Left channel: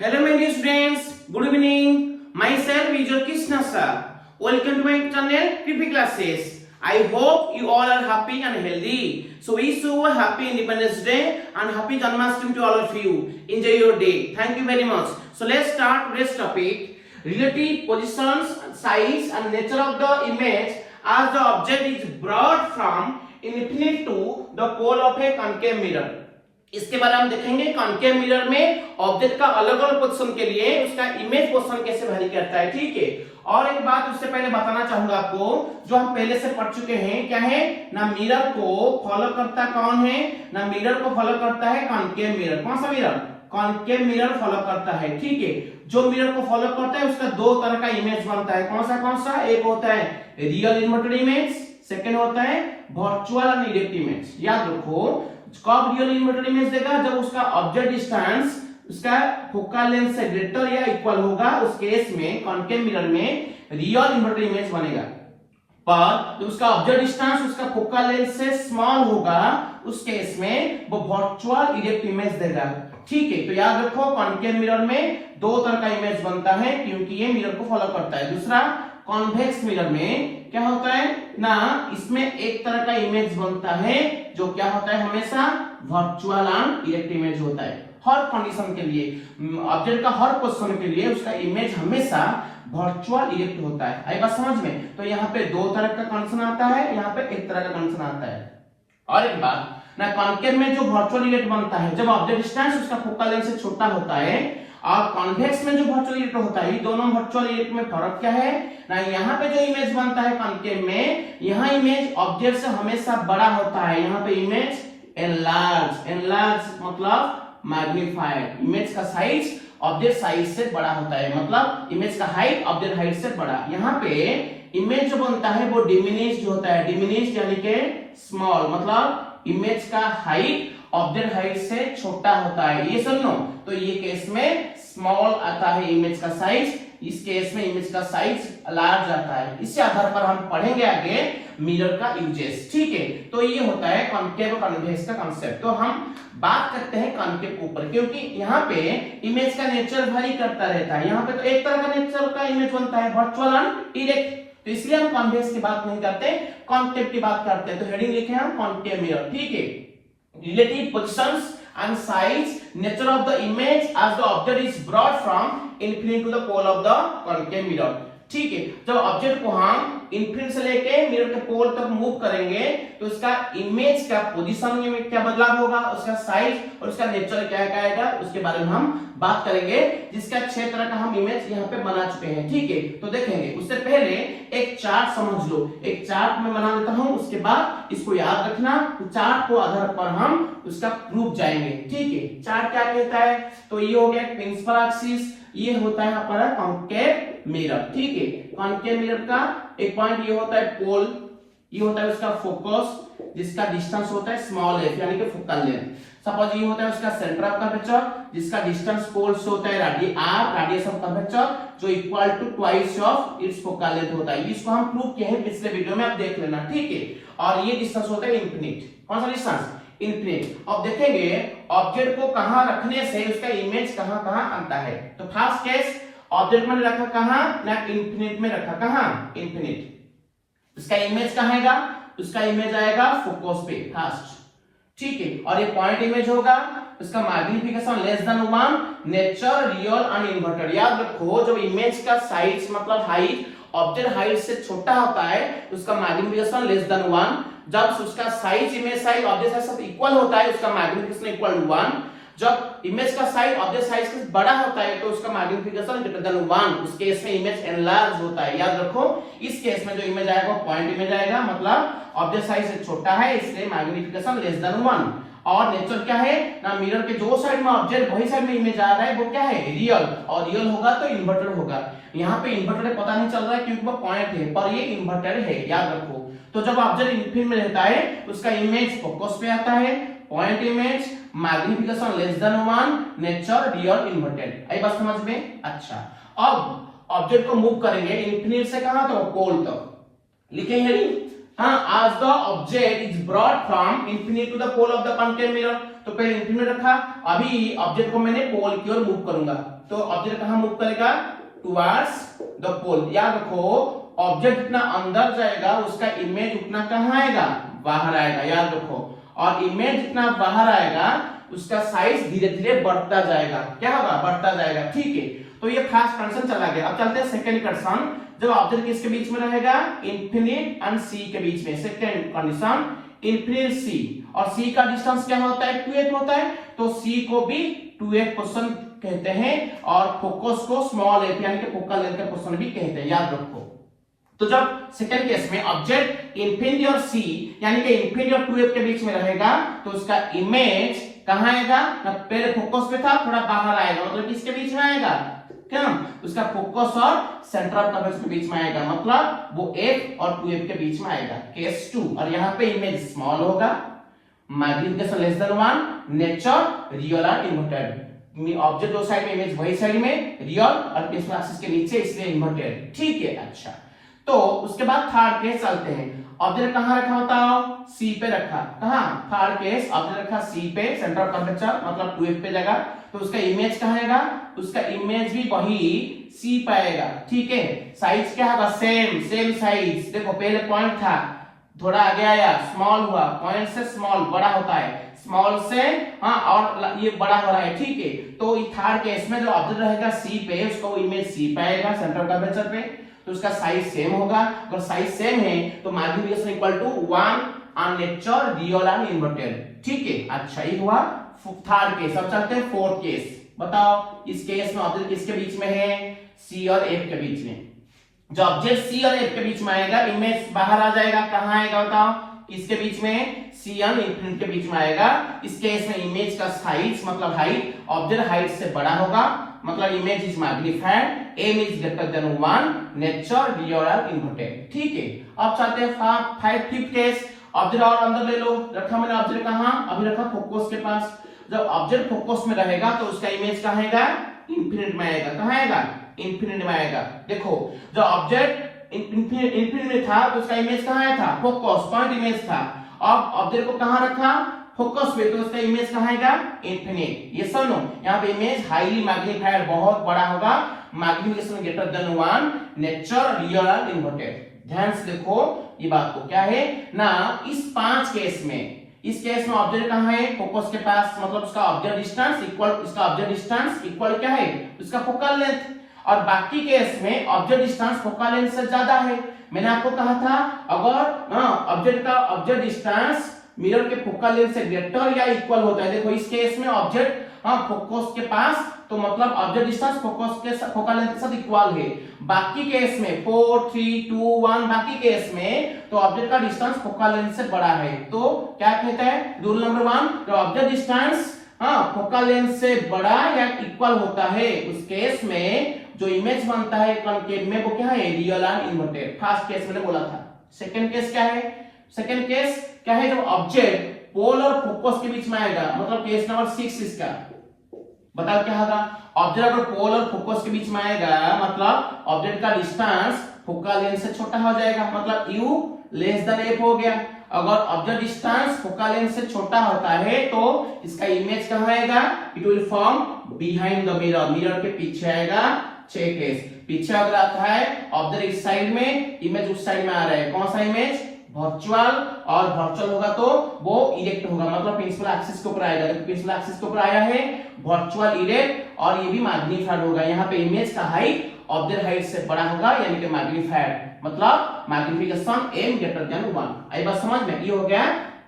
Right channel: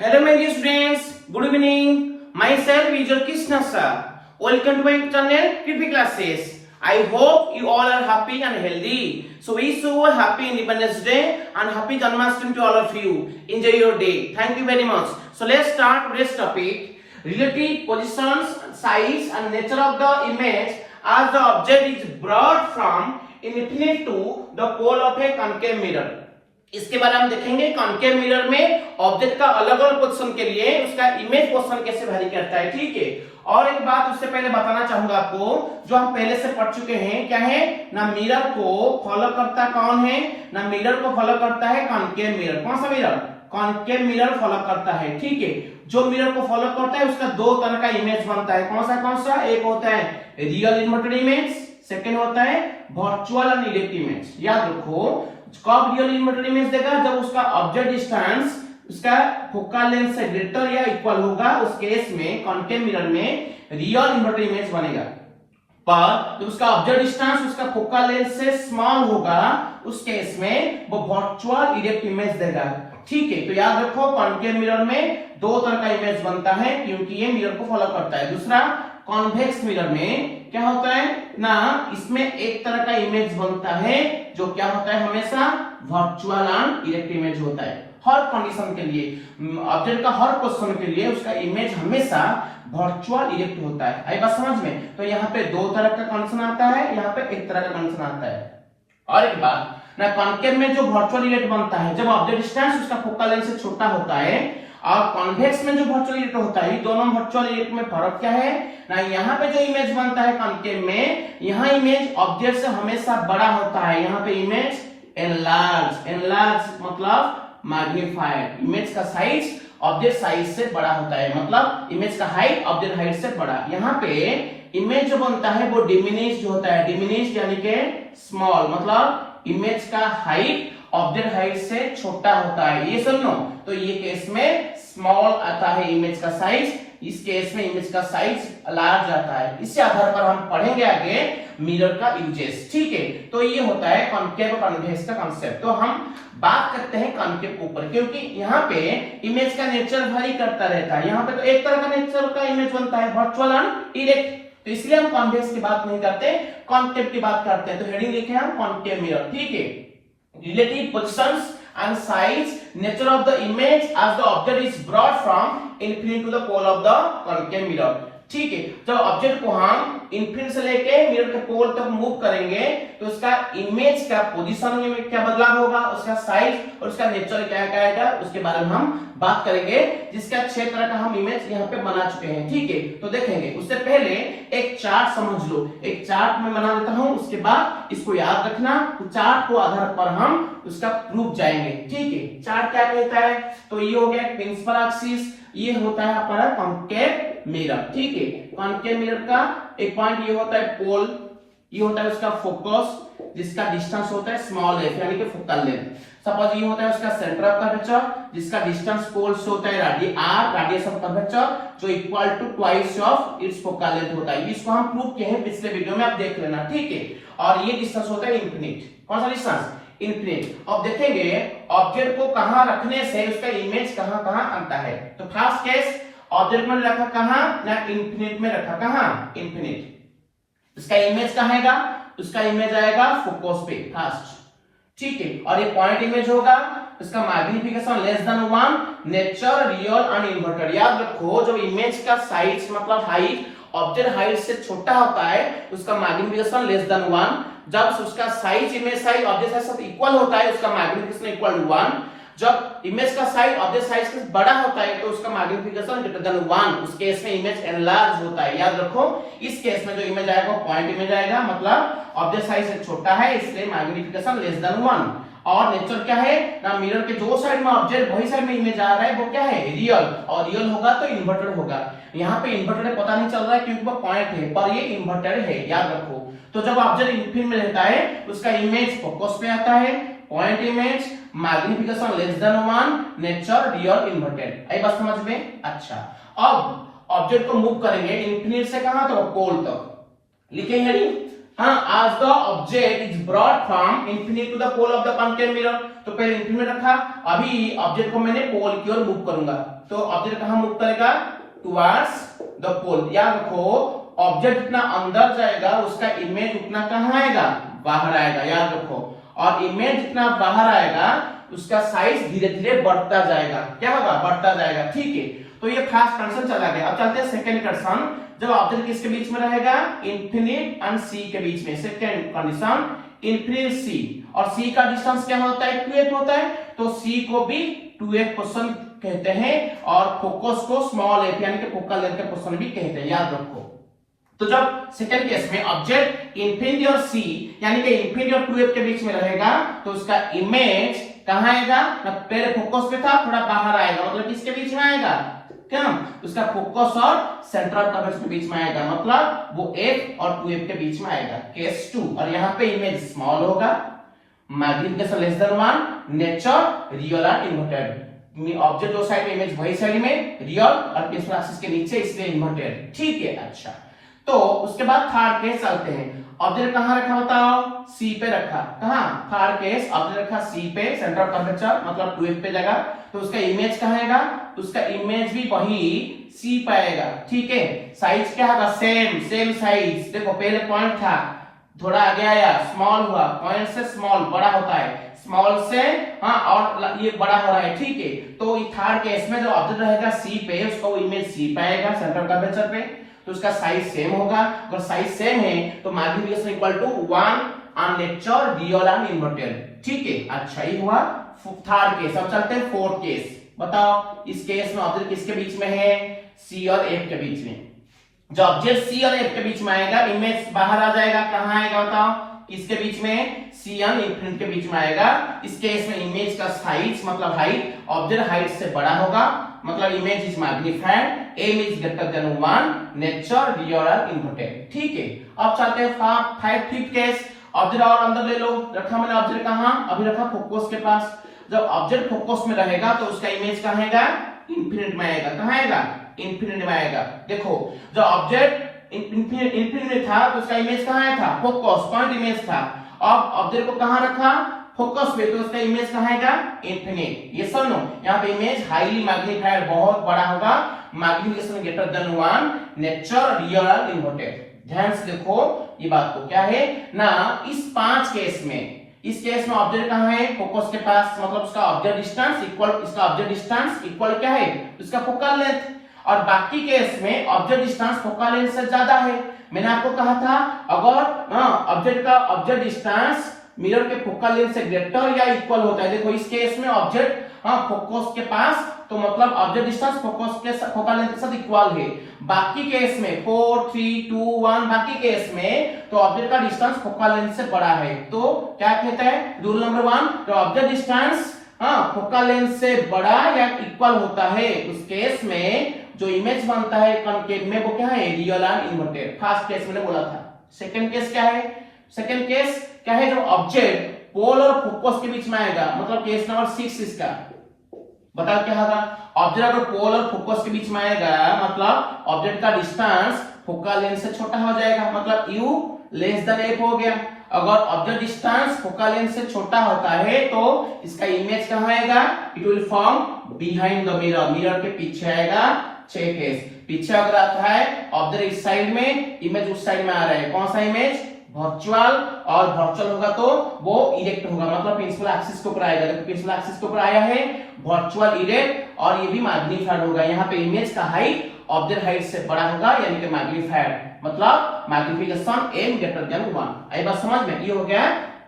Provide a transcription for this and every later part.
Hello my dear students, good evening. Myself is your Krishna sir. Welcome to my channel PP Classes. I hope you all are happy and healthy. So wish you a happy Independence Day and happy Janmashtami to all of you. Enjoy your day. Thank you very much. So let's start today's topic. Relative positions, size and nature of the image as the object is brought from infinite to the pole of a concave mirror. इसके बारे में हम देखेंगे concave mirror में object का अलग अलग position के लिए उसका इमेज पोजीशन कैसे वैरी करता है। ठीक है, और एक बात उससे पहले बताना चाहूंगा आपको, जो हम पहले से पढ़ चुके हैं, क्या है ना, मिरर को फॉलो करता कौन है ना, मिरर को फॉलो करता है कॉन्केव मिरर। कौन सा मिरर? कॉन्केव मिरर फॉलो करता है। ठीक है, जो मिरर को फॉलो करता है उसका दो तरह का इमेज बनता है। कौन सा? एक होता है रियल इन्वर्टेड इमेज, सेकंड होता है वर्चुअल एंड इलेक्ट इमेज। याद रखो, कब रियल इन्वर्टेड इमेज देगा? जब उसका ऑब्जेक्ट डिस्टेंस उसका फोकल लेंथ से ग्रेटर या इक्वल होगा, उस केस में कॉन्केव मिरर में रियल इन्वर्टेड इमेज बनेगा। पर जब उसका ऑब्जेक्ट डिस्टेंस उसका फोकल लेंथ से स्मॉल होगा, उस केस में वो वर्चुअल इरेक्ट इमेज देगा। ठीक है, तो याद रखो कॉन्केव मिरर में दो तरह का इमेज बनता है क्योंकि ये मिरर को फॉलो करता है। दूसरा, कॉन्वेक्स मिरर में क्या होता है ना, इसमें एक तरह का इमेज बनता है जो क्या होता है, हमेशा वर्चुअल एंड इरेक्ट इमेज होता है। हर कंडीशन के लिए, ऑब्जेक्ट का हर पोजीशन के लिए उसका इमेज हमेशा वर्चुअल इरेक्ट होता है। आई बात समझ में? तो यहाँ पे दो तरह का कंडीशन आता है, यहाँ पे एक तरह का कंडीशन आता है। और एक बात ना, कॉन्केव में जो वर्चुअल इरेक्ट बनता है जब ऑब्जेक्ट डिस्टेंस उसका फोकल लेंथ से छोटा होता है, और कॉन्वेक्स में जो वर्चुअल इरेक्ट होता है, दोनों वर्चुअल इरेक्ट में फर्क क्या है ना, यहाँ पे जो इमेज बनता है कॉन्केव में, यहाँ इमेज ऑब्जेक्ट से हमेशा बड़ा होता है। यहाँ पे इमेज एनलार्ज मतलब मैग्नीफाइड, इमेज का साइज ऑब्जेक्ट साइज से बड़ा होता है, मतलब इमेज का हाइट ऑब्जेक्ट हाइट से बड़ा। यहाँ पे इमेज जो बनता है वो डिमिनिश्ड होता है, डिमिनिश्ड यानी कि स्मॉल, मतलब इमेज का हाइट ऑब्जेक्ट हाइट से छोटा होता है। ये सुन लो, तो ये केस में स्मॉल आता है इमेज का साइज, इस केस में इमेज का साइज लार्ज आता है। इसी आधार पर हम पढ़ेंगे आगे मिरर का यूजेस। ठीक है, तो ये होता है कॉन्केव और कॉन्वेक्स का कांसेप्ट। तो हम बात करते हैं कॉन्केव के ऊपर, क्योंकि यहाँ पे इमेज का नेचर वैरी करता रहता है। यहाँ पे तो एक तरह का नेचर का इमेज बनता है, वर्चुअल एंड इरेक्ट, तो इसलिए हम कॉन्वेक्स की बात नहीं करते, कॉन्केव की बात करते हैं। तो हेडिंग लिखे हम कॉन्केव मिरर। ठीक है, relative positions and size, nature of the image as the object is brought from infinite to the pole of the concave mirror। ठीक है, जब ऑब्जेक्ट को हम इनफिनिट से लेके मिरर के पोल तक मूव करेंगे तो उसका इमेज का पोजीशन में क्या बदलाव होगा, उसका साइज और उसका नेचर क्या आएगा, उसके बारे में हम बात करेंगे, जिसका 6 तरह का हम इमेज यहाँ पे बना चुके हैं। ठीक है, तो देखेंगे। उससे पहले एक चार्ट समझ लो, एक चार्ट में बना देता हूँ, उसके बाद इसको याद रखना, चार्ट को आधार पर हम उसका प्रूफ जाएंगे। ठीक है, चार्ट क्या कहता है, तो ये हो गया प्रिंसिपल एक्सिस, ये होता है हमारा कॉन्केव मिरर। ठीक है, कॉन्केव मिरर का एक पॉइंट ये होता है पोल, ये होता है उसका फोकस जिसका डिस्टेंस होता है स्मॉल एफ यानी कि फोकल लेंथ। सपोज ये होता है उसका सेंटर ऑफ कर्वेचर जिसका डिस्टेंस पोल से होता है रेडियस ऑफ कर्वेचर जो equal to twice of its focal length होता है। इसको हम प्रूव किए हैं पिछले वीडियो में, आप देख लेना। ठीक है, और ये डिस्टेंस होता है इनफिनिट। कौन सा डिस्टेंस? इनफिनिट। अब देखेंगे ऑब्जेक्ट को कहां रखने से उसका इमेज कहां कहां आता है। तो फर्स्ट केस, ऑब्जेक्ट में रखा कहां ना, इनफिनिट में रखा, कहां? इनफिनिट। उसका इमेज कहां आएगा? उसका इमेज आएगा फोकस पे फर्स्ट। ठीक है, और ये पॉइंट इमेज होगा, उसका magnification less than 1, nature real and inverted. याद रखो, जब इमेज का साइज मतलब हाइट ऑब्जेक्ट हाइट से छोटा होता है उसका मैग्निफिकेशन लेस देन 1, जब उसका size image size object size से इक्वल होता है उसका मैग्निफिकेशन इक्वल टू 1, जब इमेज का साइज ऑब्जेक्ट साइज से बड़ा होता है तो उसका मैग्निफिकेशन ग्रेटर देन 1, उस केस में इमेज एनलार्ज होता है। याद रखो, इस केस में जो इमेज आएगा पॉइंट इमेज आएगा, मतलब ऑब्जेक्ट साइज से छोटा है इसलिए मैग्निफिकेशन लेस देन 1। और नेचर क्या है ना, मिरर के जो साइड में ऑब्जेक्ट वही साइड में इमेज आ रहा है वो क्या है, रियल, और रियल होगा तो इन्वर्टेड होगा। यहाँ पे इन्वर्टेड पता नहीं चल रहा है क्योंकि वो पॉइंट है, पर ये इन्वर्टेड है, याद रखो। तो जब ऑब्जेक्ट इनफिनिट में रहता है उसका इमेज फोकस पे आता है, point image, magnification less than 1, nature real inverted. आई बात समझ में? अच्छा, अब ऑब्जेक्ट को मूव करेंगे इनफिनिट से कहां, तो पोल तक। लिखेंगे हाँ, as the object is brought from infinite to the pole of the concave mirror, तो पहले infinite में रखा, अभी ऑब्जेक्ट को मैंने पोल की ओर मूव करूंगा, तो ऑब्जेक्ट कहां मूव करेगा? टुवर्ड्स द पोल। याद रखो, ऑब्जेक्ट जितना अंदर जाएगा उसका इमेज उतना कहां आएगा? बाहर आएगा, याद रखो। और इमेज जितना बाहर आएगा उसका साइज धीरे धीरे बढ़ता जाएगा। क्या होगा? बढ़ता जाएगा। ठीक है, तो ये फर्स्ट कंडीशन चला गया। अब चलते हैं सेकंड कंडीशन, जब ऑब्जेक्ट किसके बीच में रहेगा? इन्फिनिट एंड सी के बीच में। सेकंड कंडीशन, इन्फिनिट सी, और सी का डिस्टेंस क्या होता है? 2f होता है, तो सी को भी 2f पोर्शन कहते हैं, और फोकस को स्मॉल एफ यानी कि फोकल लेंथ का पोर्शन भी कहते हैं, याद रखो। तो जब सेकंड केस में ऑब्जेक्ट इन्फिनिटी और सी यानी कि इन्फिनिटी और 2f के बीच में रहेगा, तो उसका इमेज कहां आएगा? ना पहले फोकस पे था, थोड़ा बाहर आएगा, मतलब किसके बीच में आएगा? क्या? उसका फोकस और सेंट्रल कर्व के बीच में आएगा, मतलब वो f और 2f के बीच में आएगा। केस 2, और यहाँ पे इमेज स्मॉल होगा, magnification less than 1, nature real और इन्वर्टेड। ऑब्जेक्ट दो साइड में, इमेज वही साइड में, रियल और प्रिंसिपल एक्सिस के नीचे, इसलिए इन्वर्टेड। ठीक है, अच्छा। तो उसके बाद थर्ड केस आते हैं। ऑब्जेक्ट कहां रखा होता है? सी पे रखा। कहां? थर्ड केस, ऑब्जेक्ट रखा सी पे, सेंटर ऑफ कर्वेचर मतलब 2f पे जगह, तो उसका इमेज कहां आएगा? उसका इमेज भी वही सी पे आएगा। ठीक है, साइज क्या होगा? Same size. देखो पहले पॉइंट था, थोड़ा आगे आया, स्मॉल हुआ, पॉइंट से स्मॉल बड़ा होता है, स्मॉल से हाँ और ये बड़ा हो रहा है। ठीक है, तो थर्ड केस में जो ऑब्जेक्ट रहेगा सी पे, उसका इमेज सी पे आएगा, सेंटर कर्वेचर पे, तो उसका साइज सेम होगा। अगर साइज सेम है तो मैग्निफिकेशन इक्वल टू 1 और नेचर रियल एंड इन्वर्टेड। ठीक है, अच्छा ये हुआ थर्ड केस। अब चलते हैं फोर्थ केस। बताओ, इस केस में ऑब्जेक्ट किसके बीच में है? सी और एफ के बीच में। जब ऑब्जेक्ट सी और एफ के बीच में आएगा, इमेज बाहर आ जाएगा, कहां आएगा बताओ? किसके बीच में? सी और इन्फिनिट के बीच में आएगा। इस केस में इमेज का साइज मतलब हाइट, ऑब्जेक्ट हाइट से बड़ा होगा, मतलब image is magnified, m is greater than 1, nature real और इन्वर्टेड। ठीक है, अब चलते हैं फिफ्थ केस। ऑब्जेक्ट और अंदर ले लो, रखा मैंने ऑब्जेक्ट कहां? अभी रखा फोकस के पास। जब ऑब्जेक्ट फोकस में रहेगा तो उसका इमेज कहां आएगा? इन्फिनिट में आएगा। कहां आएगा? इन्फिनिट में आएगा। देखो, जब ऑब्जेक्ट इन्फिनिट में था तो उसका इमेज कहां आया था? फोकस पॉइंट इमेज था। अब ऑब्जेक्ट को कहां रखा? फोकस पे, तो उसका इमेज कहां आएगा? इन्फिनिट। ये सुनो, यहाँ पे इमेज हाईली मैग्निफाइड, बहुत बड़ा होगा, magnification greater than 1, nature real और इन्वर्टेड। ध्यान से देखो ये बात को, क्या है ना, इस 5 केस में, इस केस में ऑब्जेक्ट कहां है? फोकस के पास, मतलब उसका ऑब्जेक्ट डिस्टेंस इक्वल, इसका ऑब्जेक्ट डिस्टेंस इक्वल क्या है? उसका फोकल लेंथ। और बाकी केस में ऑब्जेक्ट डिस्टेंस फोकल लेंथ से ज्यादा है। मैंने आपको कहा था, अगर ऑब्जेक्ट का ऑब्जेक्ट डिस्टेंस मिरर के फोकल लेंथ से ग्रेटर या इक्वल होता है। देखो इस केस में ऑब्जेक्ट फोकस के पास, तो मतलब ऑब्जेक्ट डिस्टेंस फोकस के फोकल लेंथ के साथ इक्वल है। बाकी केस में 4 3 2 1, बाकी केस में तो ऑब्जेक्ट का डिस्टेंस फोकल लेंथ से बड़ा है। तो क्या कहता है रूल नंबर 1? जो ऑब्जेक्ट डिस्टेंस फोकल लेंथ से बड़ा या इक्वल होता है, उस केस में जो इमेज बनता है कॉन्केव में, वो क्या है? Real and inverted. First case मैंने बोला था। सेकंड केस क्या है? सेकंड केस क्या है? जो ऑब्जेक्ट पोल और फोकस के बीच में आएगा, मतलब केस नंबर 6 इसका। बताओ क्या होगा? ऑब्जेक्ट अगर पोल और फोकस के बीच में आएगा, मतलब ऑब्जेक्ट का डिस्टेंस फोकल लेंथ से छोटा हो जाएगा, मतलब u लेस देन f हो गया। अगर ऑब्जेक्ट डिस्टेंस फोकल लेंथ से छोटा होता है तो इसका इमेज कहां आएगा? It will form behind the mirror, mirror के पीछे आएगा। 6 केस पीछे अगर आता है, ऑब्जेक्ट इस साइड में, इमेज उस साइड में आ रहा है, कौन सा इमेज? वर्चुअल। और वर्चुअल होगा तो वो इरेक्ट होगा, मतलब प्रिंसिपल एक्सिस के ऊपर आएगा। देखो प्रिंसिपल एक्सिस के ऊपर आया है, वर्चुअल इरेक्ट, और ये भी मैग्नीफाइड होगा। यहाँ पे इमेज का हाइट ऑब्जेक्ट हाइट से बड़ा होगा, यानी कि मैग्नीफाइड, मतलब मैग्निफिकेशन m ग्रेटर देन 1। आई बात समझ में? ये हो गया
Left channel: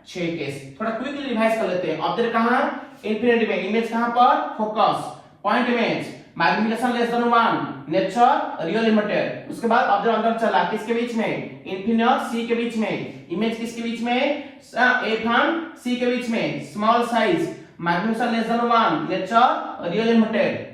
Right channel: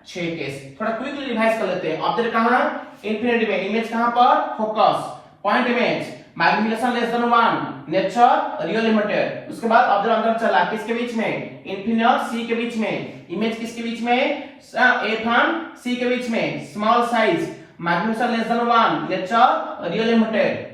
6 केस। थोड़ा क्विकली रिवाइज कर लेते हैं। ऑब्जेक्ट कहां? इन्फिनिटी में, इमेज कहां पर? Focus, point image, magnification less than 1, nature real inverted. उसके बाद ऑब्जेक्ट अंदर चला, किसके बीच में? इन्फिनिटी और सी के बीच में। इमेज किसके बीच में? एफ और सी के बीच में, small size, magnification less than 1, nature real inverted.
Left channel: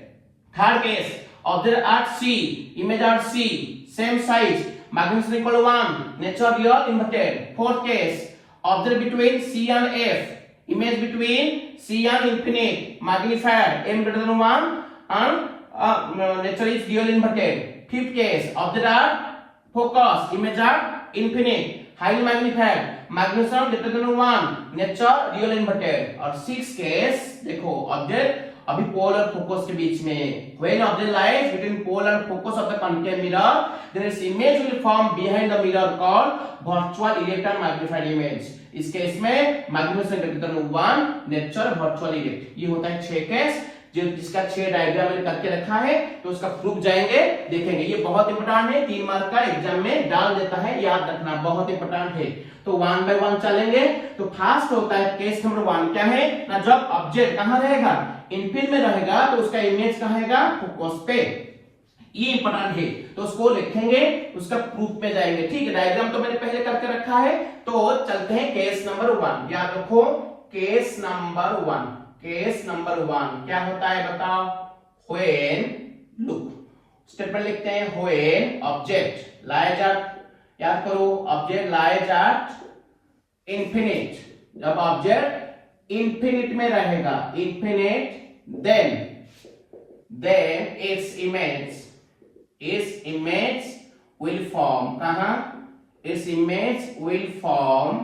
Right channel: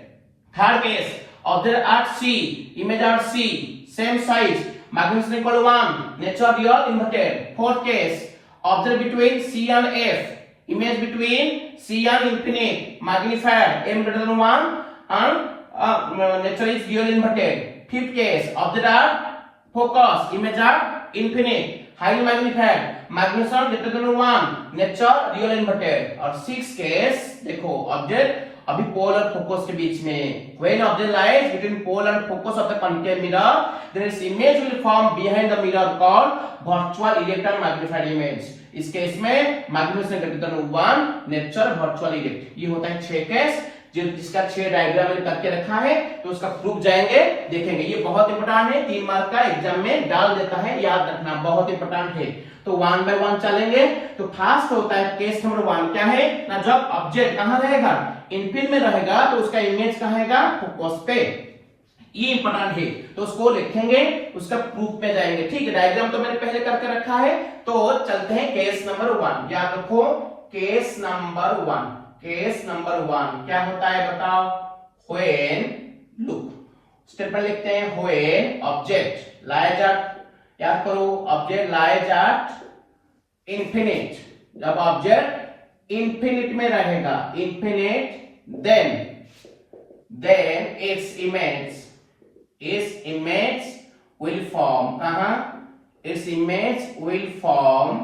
Third case, object at C, image at C, same size, magnification equal 1, nature real inverted. Fourth case, object between C and F, image between C and infinite, magnified, m greater than 1, and nature is real inverted. Fifth case, object are focus, image are infinite, highly magnified, magnitude greater than 1, nature real inverted। और 6 case देखो object अभी पोल और focus के बीच में, when object lies between pole and focus of the concave mirror, there is image will form behind the mirror called virtual erect and magnified image। इस case में magnitude greater than 1, nature virtual erect। ये होता है 6 case, जो जिसका 6 diagram मैंने करके रखा है, तो उसका प्रूफ जाएंगे देखेंगे। ये बहुत इंपॉर्टेंट है, 3 मार्क का एग्जाम में डाल देता है, याद रखना बहुत इंपॉर्टेंट है। तो 1 बाय 1 चलेंगे। तो फर्स्ट होता है केस नंबर 1, क्या है ना, जब ऑब्जेक्ट कहां रहेगा, इनफील्ड में रहेगा, तो उसका इमेज कहां रहेगा, फोकस पे। ये इंपॉर्टेंट है, तो उसको लिखेंगे, उसका प्रूफ पे जाएंगे। ठीक है, डायग्राम तो मैंने पहले करके रखा है। तो चलते हैं केस नंबर 1, याद रखो केस नंबर 1। केस नंबर 1 क्या होता है बताओ, व्हेन लुक स्टेटमेंट लिखते हैं, व्हेन ऑब्जेक्ट लाइज एट, याद करो ऑब्जेक्ट लाइज एट इंफिनिट, जब ऑब्जेक्ट इंफिनिट में रहेगा, infinite, then its image will form, कहां, its image will form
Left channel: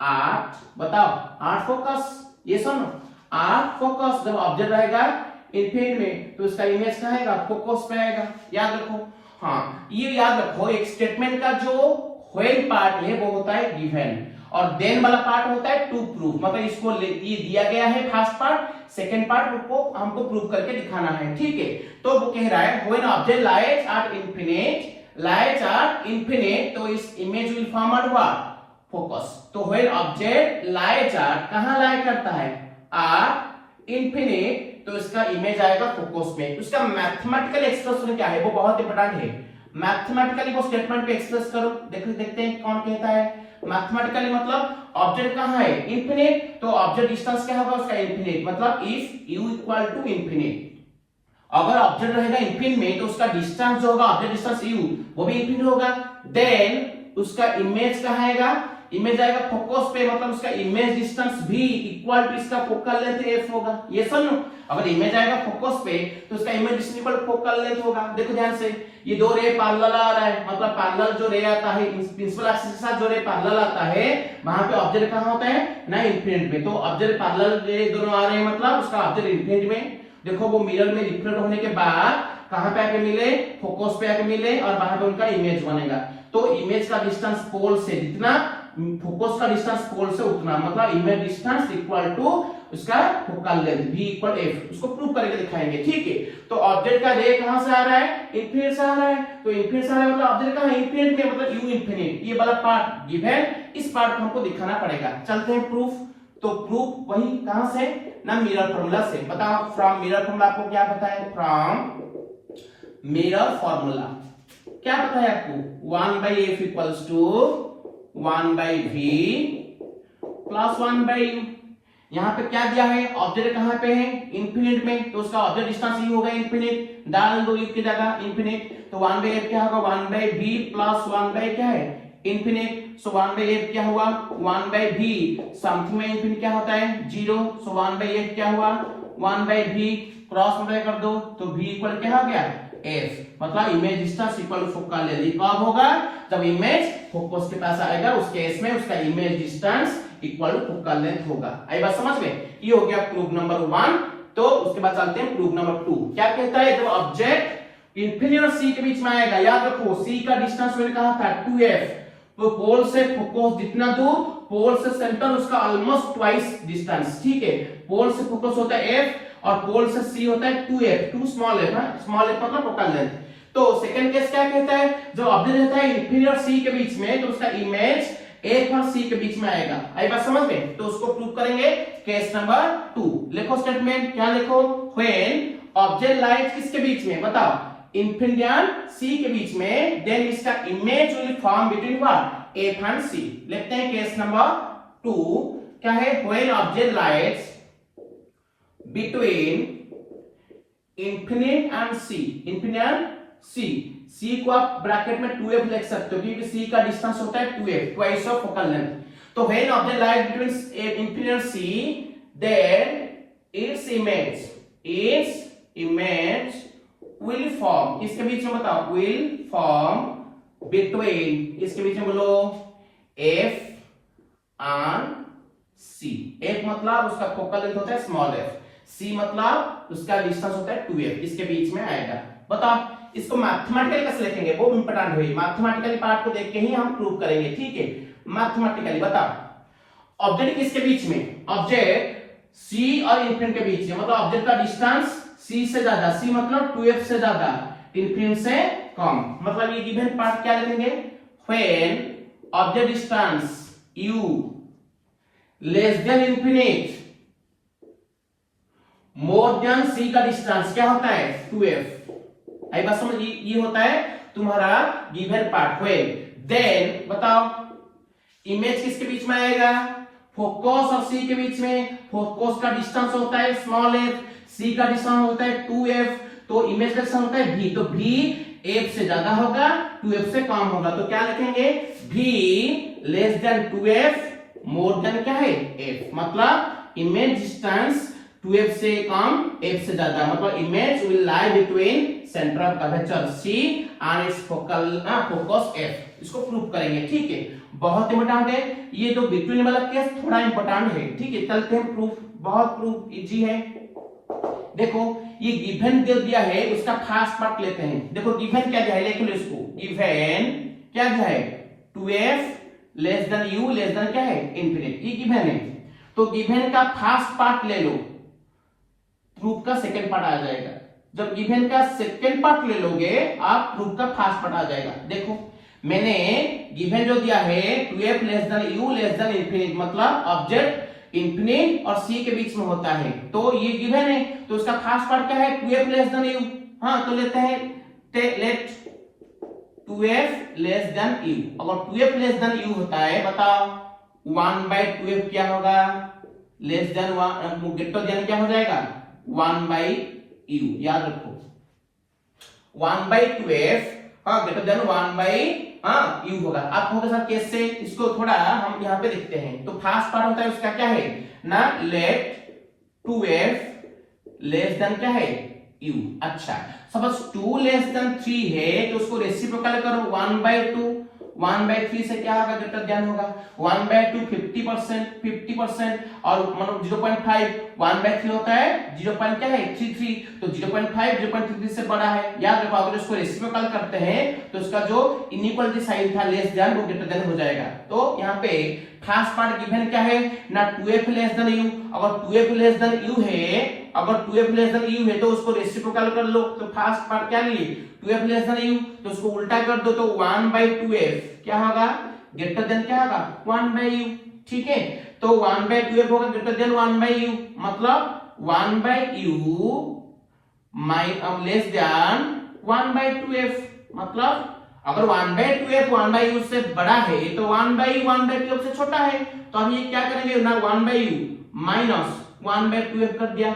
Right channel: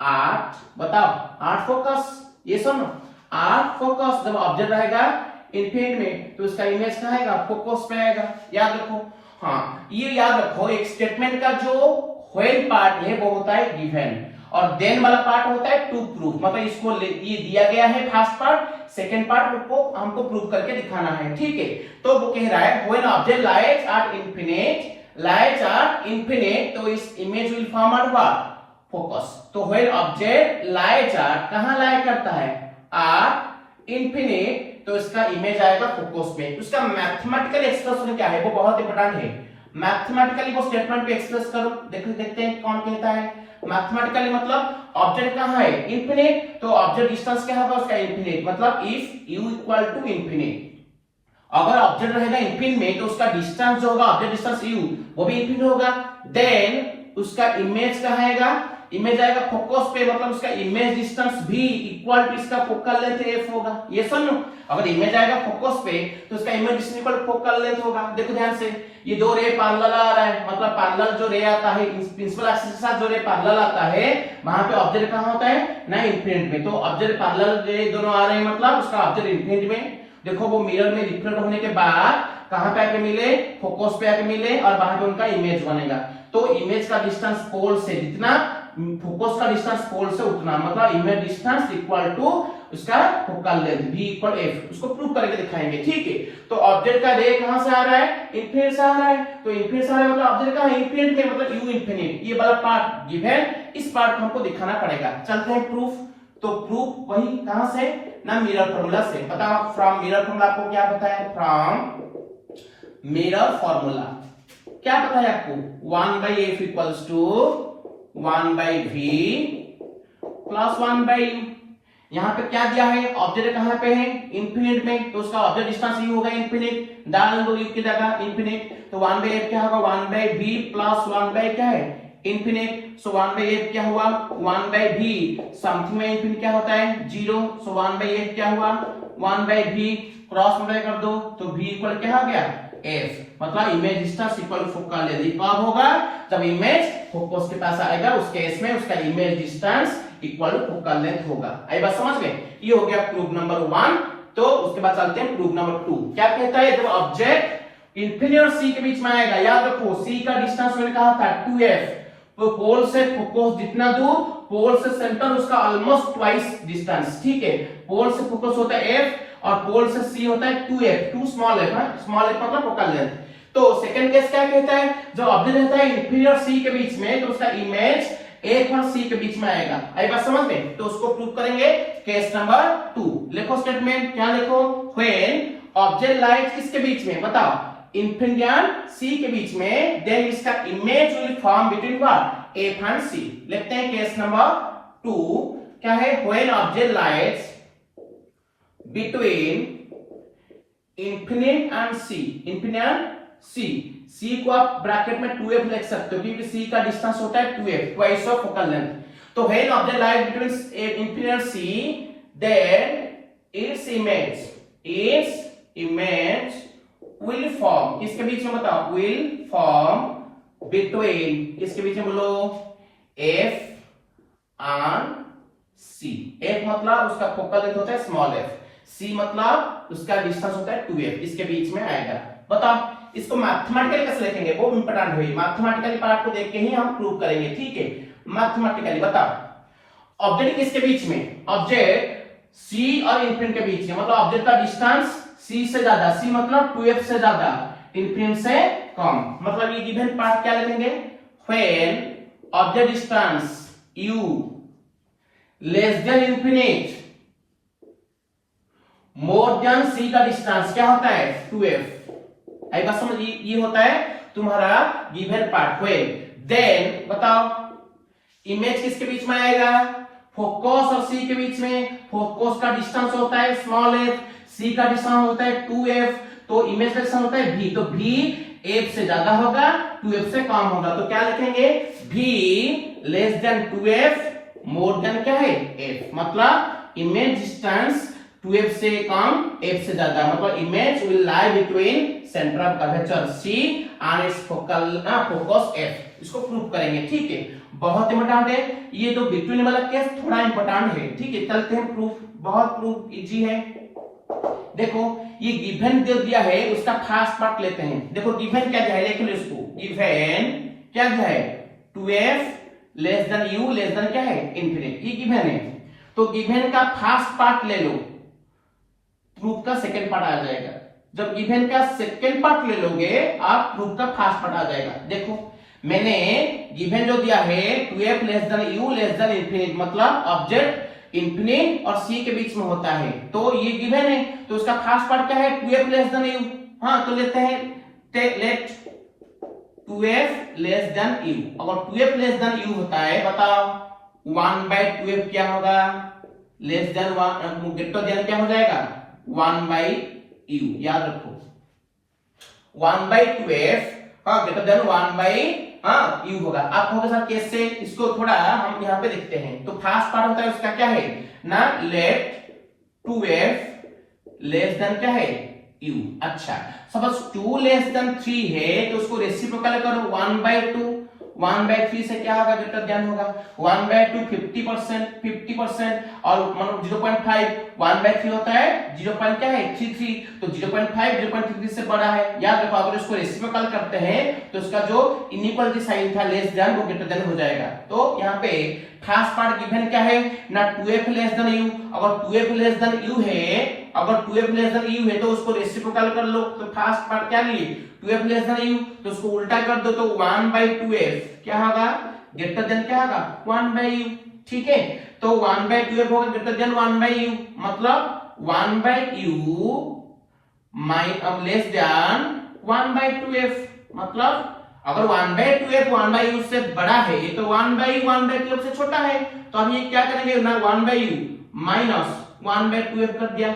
at, बताओ एट फोकस, ये सुनो एट फोकस, जब ऑब्जेक्ट रहेगा इनफिनिट में, तो उसका इमेज कहां आएगा, फोकस पे आएगा। याद रखो, हाँ ये याद रखो, एक स्टेटमेंट का जो व्हेन पार्ट है वो होता है गिवन, और देन वाला पार्ट होता है टू प्रूफ। मतलब इसको ये दिया गया है फर्स्ट पार्ट, सेकंड पार्ट को हमको प्रूव करके दिखाना है। ठीक है, तो वो कह रहा है when object lies at infinite, तो इस image will form at what, focus. तो व्हेन ऑब्जेक्ट लाइज एट, कहां लाई करता है, एट इंफिनिट, तो इसका इमेज आएगा फोकस में। उसका मैथमेटिकल एक्सप्रेशन क्या है, वो बहुत इंपॉर्टेंट है। मैथमेटिकली वो स्टेटमेंट पे एक्सप्रेस करो, देखते हैं कौन कहता है। मैथमेटिकली मतलब ऑब्जेक्ट कहां है, इनफिनिट, तो ऑब्जेक्ट डिस्टेंस क्या होगा उसका, इनफिनिट। मतलब if u equal to infinite, अगर ऑब्जेक्ट रहेगा इनफिनिट में, तो उसका डिस्टेंस जो होगा, ऑब्जेक्ट डिस्टेंस u, वो भी इनफिनिट होगा। देन उसका इमेज कहां आएगा, इमेज आएगा फोकस पे, मतलब उसका इमेज डिस्टेंस भी इक्वल टू इसका फोकल लेंथ f होगा। ये समझो, अगर इमेज आएगा फोकस पे, तो उसका image distance equal to focal length होगा। देखो ध्यान से, ये दो रे पैरेलल आ रहा है, मतलब पैरेलल जो रे आता है, प्रिंसिपल एक्सिस के साथ जो रे पैरेलल आता है, वहां पे ऑब्जेक्ट कहां होता है ना, इनफिनिट में। तो ऑब्जेक्ट पैरेलल रे दोनों आ रहे हैं, मतलब उसका ऑब्जेक्ट इनफिनिट में। देखो वो मिरर में रिफ्लेक्ट होने के बाद कहां पे आके मिले, फोकस पे आके मिले, और वहां पे उनका इमेज बनेगा। तो इमेज का डिस्टेंस पोल से जितना, फोकस का डिस्टेंस पोल से उतना, मतलब इमेज डिस्टेंस इक्वल टू उसका focal length v equal f। उसको प्रूव करके दिखाएंगे। ठीक है, तो ऑब्जेक्ट का रे कहां से आ रहा है, इनफिनिट से आ रहा है। तो इनफिनिट से आ रहा है, मतलब ऑब्जेक्ट का इनफिनिट में, मतलब u इनफिनिट, ये वाला पार्ट गिवन, इस पार्ट को हमको दिखाना पड़ेगा। चलते हैं प्रूफ। तो प्रूफ वही कहां से ना, मिरर फार्मूला से। बताओ फ्रॉम मिरर फार्मूला आपको क्या पता है, फ्रॉम मिरर फार्मूला क्या पता है आपको, 1 by f equals to 1 by v plus 1 by u। यहाँ पे क्या दिया है, ऑब्जेक्ट कहां पे है, इनफिनिट में, तो उसका ऑब्जेक्ट डिस्टेंस ही होगा इनफिनिट, डाल दो u की जगह इनफिनिट। तो 1 by f क्या होगा, 1 by v प्लस 1 by क्या है, इनफिनिट। सो 1 by f क्या हुआ, 1 by v, समथिंग में इनफिनिट क्या होता है, 0। सो 1 by f क्या हुआ, 1 by v, क्रॉस मल्टीप्लाई कर दो, तो v इक्वल क्या हो गया, f। मतलब image distance equal focal length कब होगा, जब इमेज फोकस के पास आएगा, उस केस में उसका image distance equal focal length होगा। आई बात समझ में, ये हो गया प्रूफ नंबर 1। तो उसके बाद चलते हैं प्रूफ नंबर 2। क्या कहता है, जब ऑब्जेक्ट इनफिनिटी और c के बीच में आएगा, याद रखो c का डिस्टेंस मैंने कहा था 2f, तो पोल से फोकस जितना दूर, पोल से सेंटर उसका ऑलमोस्ट ट्वाइस डिस्टेंस। ठीक है, पोल से फोकस होता है f, और पोल से c होता है 2f, 2 small f, small f मतलब फोकल लेंथ। तो सेकंड केस क्या कहता है, जब ऑब्जेक्ट रहता है इनफिनिटी और c के बीच में, तो उसका इमेज a और c के बीच में आएगा। आई बात समझ में, तो उसको प्रूव करेंगे। केस नंबर 2 लिखो, स्टेटमेंट क्या लिखो, व्हेन ऑब्जेक्ट लाइज किसके बीच में, बताओ, इनफिनिटी एंड c के बीच में, देन इसका image will form between what, f and c। लिखते हैं केस नंबर 2 क्या है, when object lies between infinite and c, infinite and c को आप ब्रैकेट में 2f लिख सकते हो, क्योंकि c का डिस्टेंस होता है 2f, twice of focal length. तो when object lies between infinite and c, then its image will form, किसके बीच में बताओ, विल फॉर्म बिटवीन, किसके बीच में बोलो, F और C। F मतलब उसका फोकल लेंथ होता है स्मॉल f, C मतलब उसका डिस्टेंस होता है 2f, इसके बीच में आएगा। बताओ इसको मैथमेटिकली कैसे लिखेंगे, वो इंपॉर्टेंट है, मैथमेटिकली पार्ट को देख के ही हम प्रूव करेंगे, ठीक है। मैथमेटिकली बताओ ऑब्जेक्ट किसके बीच में, ऑब्जेक्ट C और इंफिनिटी के बीच में, मतलब ऑब्जेक्ट का डिस्टेंस C से ज्यादा, C मतलब 2f से ज्यादा, इंफिनिटी से कम, मतलब ये गिवन पार्ट क्या लिखेंगे, when object distance u less then infinite more than C का डिस्टेंस क्या होता है 2f। आई बात समझ, ये होता है तुम्हारा गिवन पार्ट। व्हेन देन बताओ इमेज किसके बीच में आएगा, फोकस और C के बीच में, फोकस का डिस्टेंस होता है स्मॉल f, C का डिस्टेंस होता है 2f, तो इमेज का डिस्टेंस होता है v, तो v f से ज्यादा होगा 2f से कम होगा, तो क्या लिखेंगे v less than 2f more than क्या है f, मतलब इमेज डिस्टेंस 2f से कम f से ज्यादा, मतलब image will lie between centre of curvature C and it's focus f। इसको प्रूव करेंगे, ठीक है, बहुत इंपॉर्टेंट है ये, तो बिटवीन वाला केस थोड़ा इंपॉर्टेंट है, ठीक है। चलते हैं प्रूफ, बहुत प्रूफ इजी है। देखो ये गिवन दे दिया है, उसका फर्स्ट पार्ट लेते हैं। देखो गिवन क्या दिया है, देख लो इसको, गिवन क्या दिया है 2f less than u less then क्या है इंफिनिट, ये गिवन है। तो गिवन का फर्स्ट पार्ट ले लो, प्रूफ का सेकंड पार्ट आ जाएगा। जब गिवन का सेकंड पार्ट ले लोगे आप, प्रूफ का फर्स्ट पार्ट आ जाएगा। देखो मैंने गिवन जो दिया है 2f less than u less then infinite, मतलब ऑब्जेक्ट इंफिनिट और C के बीच में होता है, तो ये गिवन है, तो इसका फर्स्ट पार्ट क्या है 2f लेस देन u। हाँ तो लेते हैं, late 2f less than u, अगर 2f लेस देन u होता है बताओ 1/2f क्या होगा, लेस देन ग्रेटर देन क्या हो जाएगा 1/u, याद रखो 1/2f ग्रेटर देन 1/u होगा। आप कहोगे सर कैसे, इसको थोड़ा हम यहाँ पे देखते हैं। तो फर्स्ट पार्ट होता है उसका क्या है ना, लेट 2f लेस देन क्या है u। अच्छा सपोज 2 लेस देन 3 है, तो उसको रेसिप्रोकल करो 1/2, 1/3 से क्या होगा ग्रेटर देन होगा 1/2 50%, और मतलब 0.5 1/3 होता है 0. क्या है 33, तो 0.5 0.33 से बड़ा है। याद रखो अगर इसको रेसिप्रोकल करते हैं तो इसका जो इनइक्वालिटी साइन था लेस देन वो ग्रेटर देन हो जाएगा। तो यहाँ पे फर्स्ट पार्ट गिवन क्या है ना 2f लेस देन u, अगर 2f लेस देन u है, अगर 2f लेस देन u है तो उसको रेसिप्रोकल कर लो। तो फर्स्ट पार्ट क्या लिए 2f लेस देन u, तो उसको उल्टा कर दो तो 1/2f क्या होगा ग्रेटर देन क्या होगा 1/u, ठीक है। तो 1/2f होगा ग्रेटर देन 1/u, मतलब 1/u लेस देन 1/2f, मतलब अगर 1/2f 1/u से बड़ा है तो 1/u 1/2f से छोटा है, तो हम ये क्या करेंगे ना 1/u माइनस 1/2f कर दिया,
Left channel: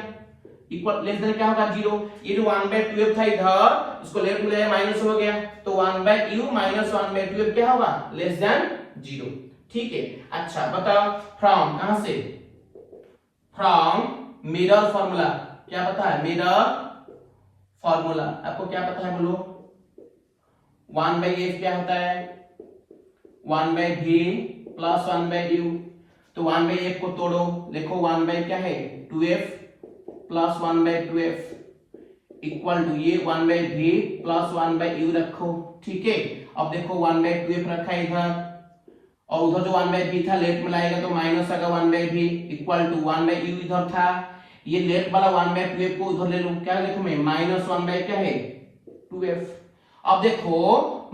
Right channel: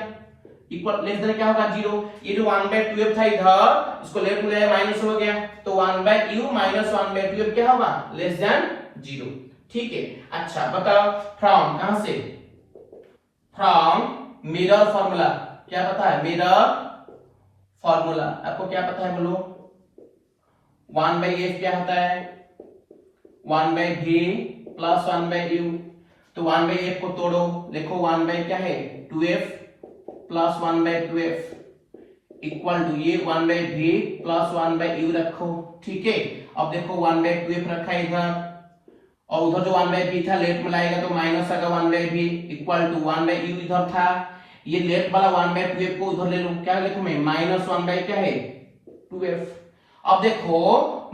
इक्वल लेस देन क्या होगा 0। ये जो 1/2f था इधर इसको लेफ्ट में ले माइनस हो गया, तो 1/u माइनस 1/2f क्या होगा लेस देन 0, ठीक है। अच्छा बताओ फ्रॉम कहां से, फ्रॉम मिरर फॉर्मूला, क्या पता है मिरर फॉर्मूला, आपको क्या पता है बोलो 1/f क्या होता है 1/v प्लस 1/u, तो 1/f को तोड़ो, देखो 1/ क्या है 2f plus 1/2f equal to ये 1/v प्लस 1/u रखो, ठीक है। अब देखो 1/2f रखा है इधर, और उधर जो 1/v था लेफ्ट में लाएगा तो माइनस आएगा 1/v इक्वल टू 1/u इधर था, ये लेफ्ट वाला 1/2f को उधर ले लो, क्या लिखूं मैं माइनस 1/ क्या है 2f। अब देखो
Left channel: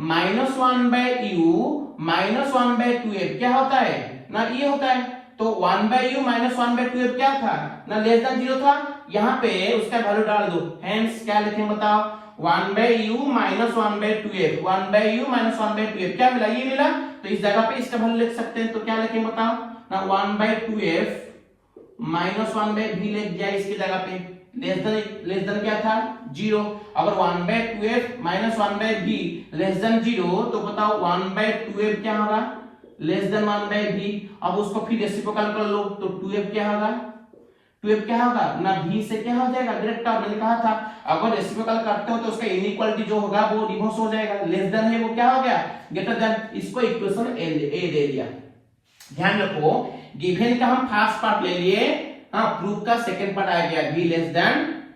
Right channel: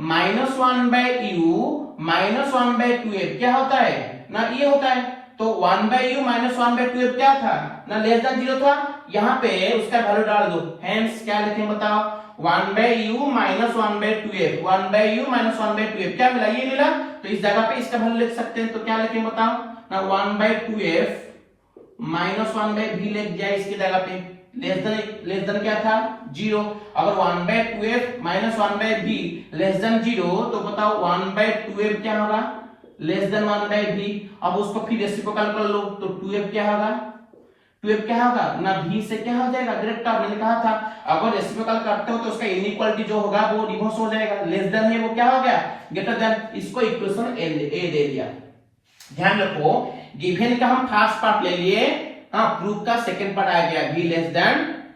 माइनस 1/u माइनस 1/2f क्या होता है ना ये होता है, तो 1/u माइनस 1/2f क्या था ना लेस देन 0 था, यहाँ पे उसका वैल्यू डाल दो, हेंस क्या लिखें बताओ 1/u minus 1/2f, 1/u minus 1/2f क्या मिला ये मिला, तो इस जगह पे इसका वैल्यू लिख सकते हैं, तो क्या लिखें बताओ ना 1/2f माइनस 1/v लिख दिया इसकी जगह पे, लेस देन क्या था 0। अगर 1/2f minus 1/v less than 0 तो बताओ 1/2f क्या होगा लेस देन 1/v। अब उसको फिर रेसिप्रोकल कर लो तो 2f क्या होगा 12 क्या होगा ना v से क्या हो जाएगा डायरेक्ट टर्म, मैंने कहा था अगर रेसिप्रोकल करते हो तो उसका इनइक्वालिटी जो होगा वो रिवर्स हो जाएगा, लेस देन है वो क्या हो गया ग्रेटर देन, इसको इक्वेशन ए दे दिया। ध्यान रखो गिवन का हम फर्स्ट पार्ट ले लिए, हाँ प्रूफ का सेकंड पार्ट आ गया v लेस देन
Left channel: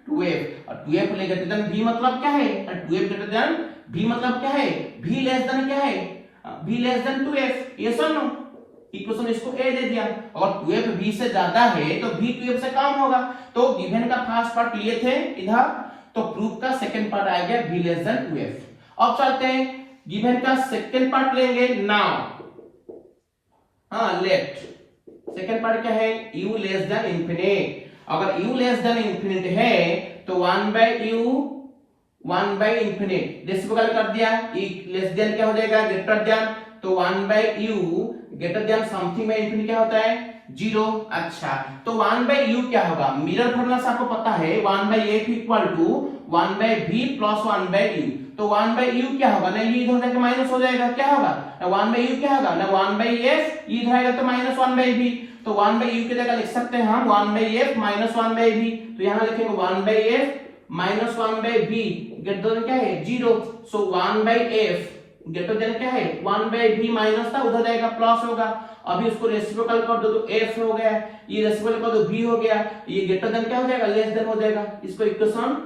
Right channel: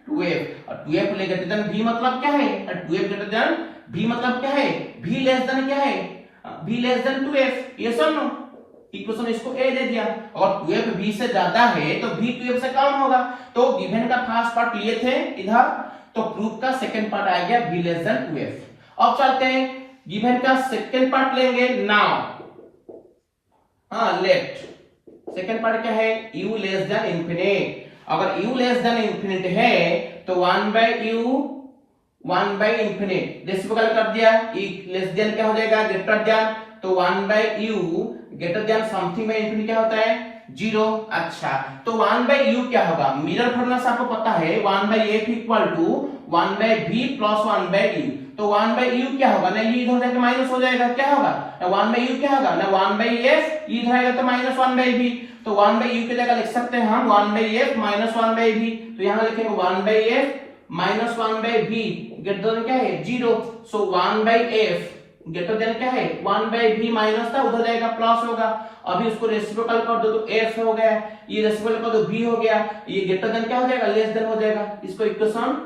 2f, और 2f ले ग्रेटर देन v मतलब क्या है, और 2f ग्रेटर देन v मतलब क्या है, v लेस देन क्या है, v लेस देन 2f, ये सुन लो इक्वेशन इसको a दे दिया, और 2f v से ज्यादा है तो v 2f से कम होगा, तो गिवन का फर्स्ट पार्ट लिए थे इधर, तो प्रूफ का सेकंड पार्ट आ गया v लेस देन 2f। अब चलते हैं गिवन का सेकंड पार्ट लेंगे नाउ, हाँ लेट सेकंड पार्ट क्या है u लेस देन इंफिनिट, अगर u लेस देन इंफिनिट है तो 1 बाय इंफिनिट रेसिप्रोकल कर दिया, e लेस देन क्या हो जाएगा ग्रेटर देन, तो 1 by u greater than something by infinite क्या होता है 0। अच्छा तो 1 बाय u क्या होगा, मिरर फॉर्मूला से आपको पता है 1 by f equal to 1 by v plus 1 by u, तो 1 बाय u क्या होगा ना ये इधर जाके माइनस हो जाएगा, क्या होगा ना 1 बाय u क्या होगा ना 1 बाय f, इधर आएगा तो माइनस 1 बाय v, तो 1 बाय u की जगह लिख सकते हैं हम 1 by f minus 1 by v, तो यहां लिखेंगे 1 by f minus 1 by v greater than क्या है 0, so 1 by f greater than क्या है 1 बाय v माइनस था उधर जाएगा प्लस होगा, अभी उसको रेसिप्रोकल कर दो तो f हो गया, ये रेसिप्रोकल कर दो v हो गया, ये ग्रेटर देन क्या हो जाएगा लेस देन हो जाएगा, इसको इक्वेशन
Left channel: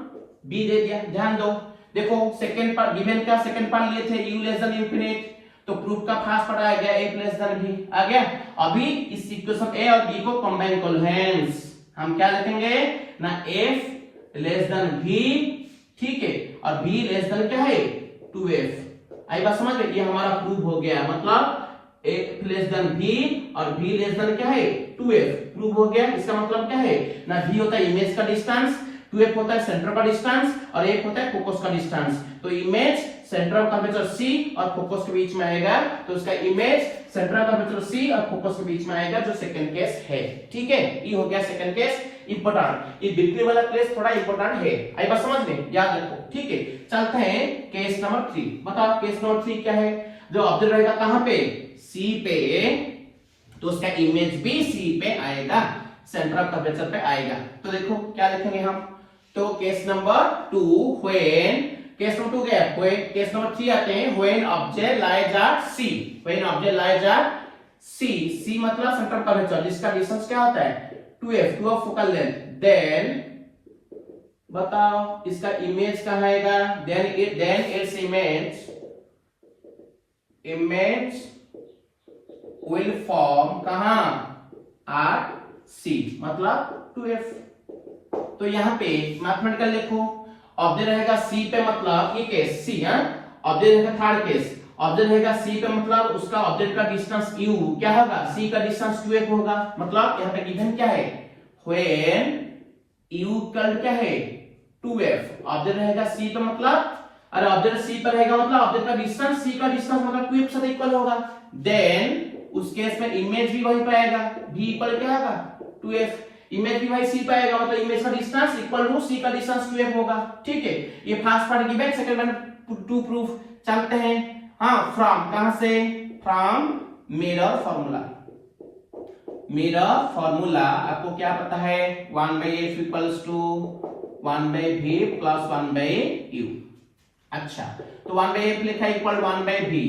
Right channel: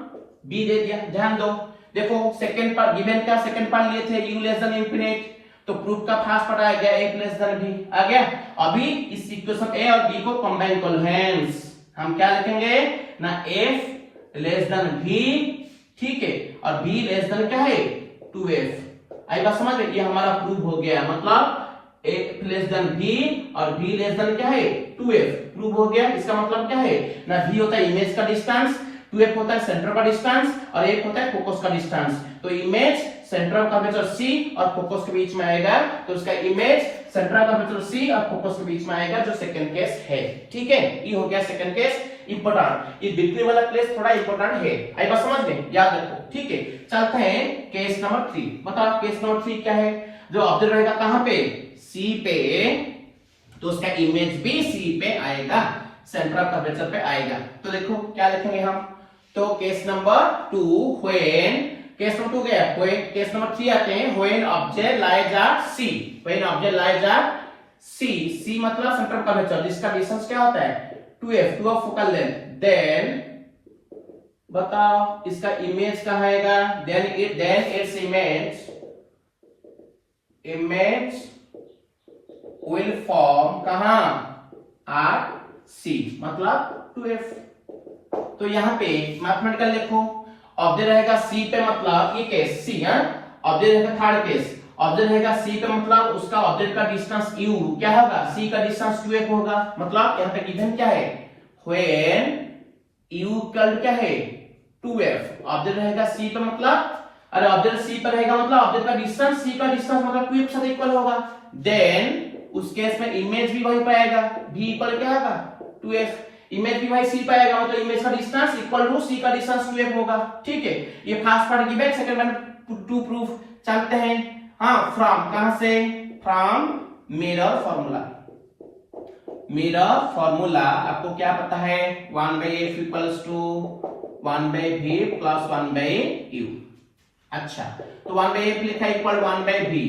b दे दिया। ध्यान दो देखो सेकंड पार्ट गिवन का सेकंड पार्ट लिए थे u लेस देन इंफिनिट, तो प्रूफ का फर्स्ट पार्ट आ गया a लेस देन b आ गया, अभी इस इक्वेशन a और b को कंबाइन कर लो, हेंस हम क्या लिखेंगे ना f लेस देन v, ठीक है, और v लेस देन क्या है 2f, आई बात समझ, ये हमारा प्रूफ हो गया, मतलब a लेस देन v और v लेस देन क्या है 2f प्रूफ हो गया। इसका मतलब क्या है ना v होता है इमेज का डिस्टेंस, 2f होता है सेंटर का डिस्टेंस, और एक होता है फोकस का डिस्टेंस, तो इमेज सेंटर का कर्वेचर c और फोकस के बीच में आएगा, तो उसका इमेज सेंटर का कर्वेचर c और फोकस के बीच में आएगा, जो सेकंड केस है, ठीक है, ये हो गया सेकंड केस इंपॉर्टेंट, ये बिल्कुल वाला केस थोड़ा इंपॉर्टेंट है, आई बात समझ में, याद रखो, ठीक है। चलते हैं केस नंबर 3, बताओ केस नंबर 3 क्या है, जो ऑब्जेक्ट रहेगा कहां पे c पे, तो उसका इमेज भी c पे आएगा, सेंटर ऑफ कर्वेचर पे आएगा, तो देखो क्या लिखेंगे हम, तो case number 2 when, case number 2 गया, केस नंबर 3 आते हैं when object lies eight c, when object lies eight c मतलब सेंटर ऑफ कर्वेचर जिसका डिस्टेंस क्या होता है 2f, 2 फोकल लेंथ, देन बताओ इसका इमेज कहां आएगा, then its image will form कहां एट c मतलब 2f, तो यहाँ पे मैथमेटिकल लिखो, ऑब्जेक्ट रहेगा c पे मतलब ये केस c है, ऑब्जेक्ट रहेगा थर्ड केस, ऑब्जेक्ट रहेगा c पे मतलब उसका ऑब्जेक्ट का डिस्टेंस u क्या होगा c का डिस्टेंस 2f होगा, मतलब यहाँ पे गिवन क्या है व्हेन u इक्वल क्या है 2f, ऑब्जेक्ट रहेगा c पे मतलब, अरे ऑब्जेक्ट c पे रहेगा मतलब ऑब्जेक्ट का डिस्टेंस c का डिस्टेंस मतलब 2f से इक्वल होगा, देन उस केस में इमेज भी वही पाएगा v इक्वल क्या होगा 2f, इमेज भी वही c पाएगा मतलब इमेज का डिस्टेंस इक्वल टू c का डिस्टेंस 2f होगा, ठीक है, ये first part given, second part to proof. चलते हैं हाँ फ्रॉम, कहां से, from mirror formula, mirror formula आपको क्या पता है 1 by f equals to 1 by v plus 1 by u, अच्छा तो 1 by f लिखा equal 1 by v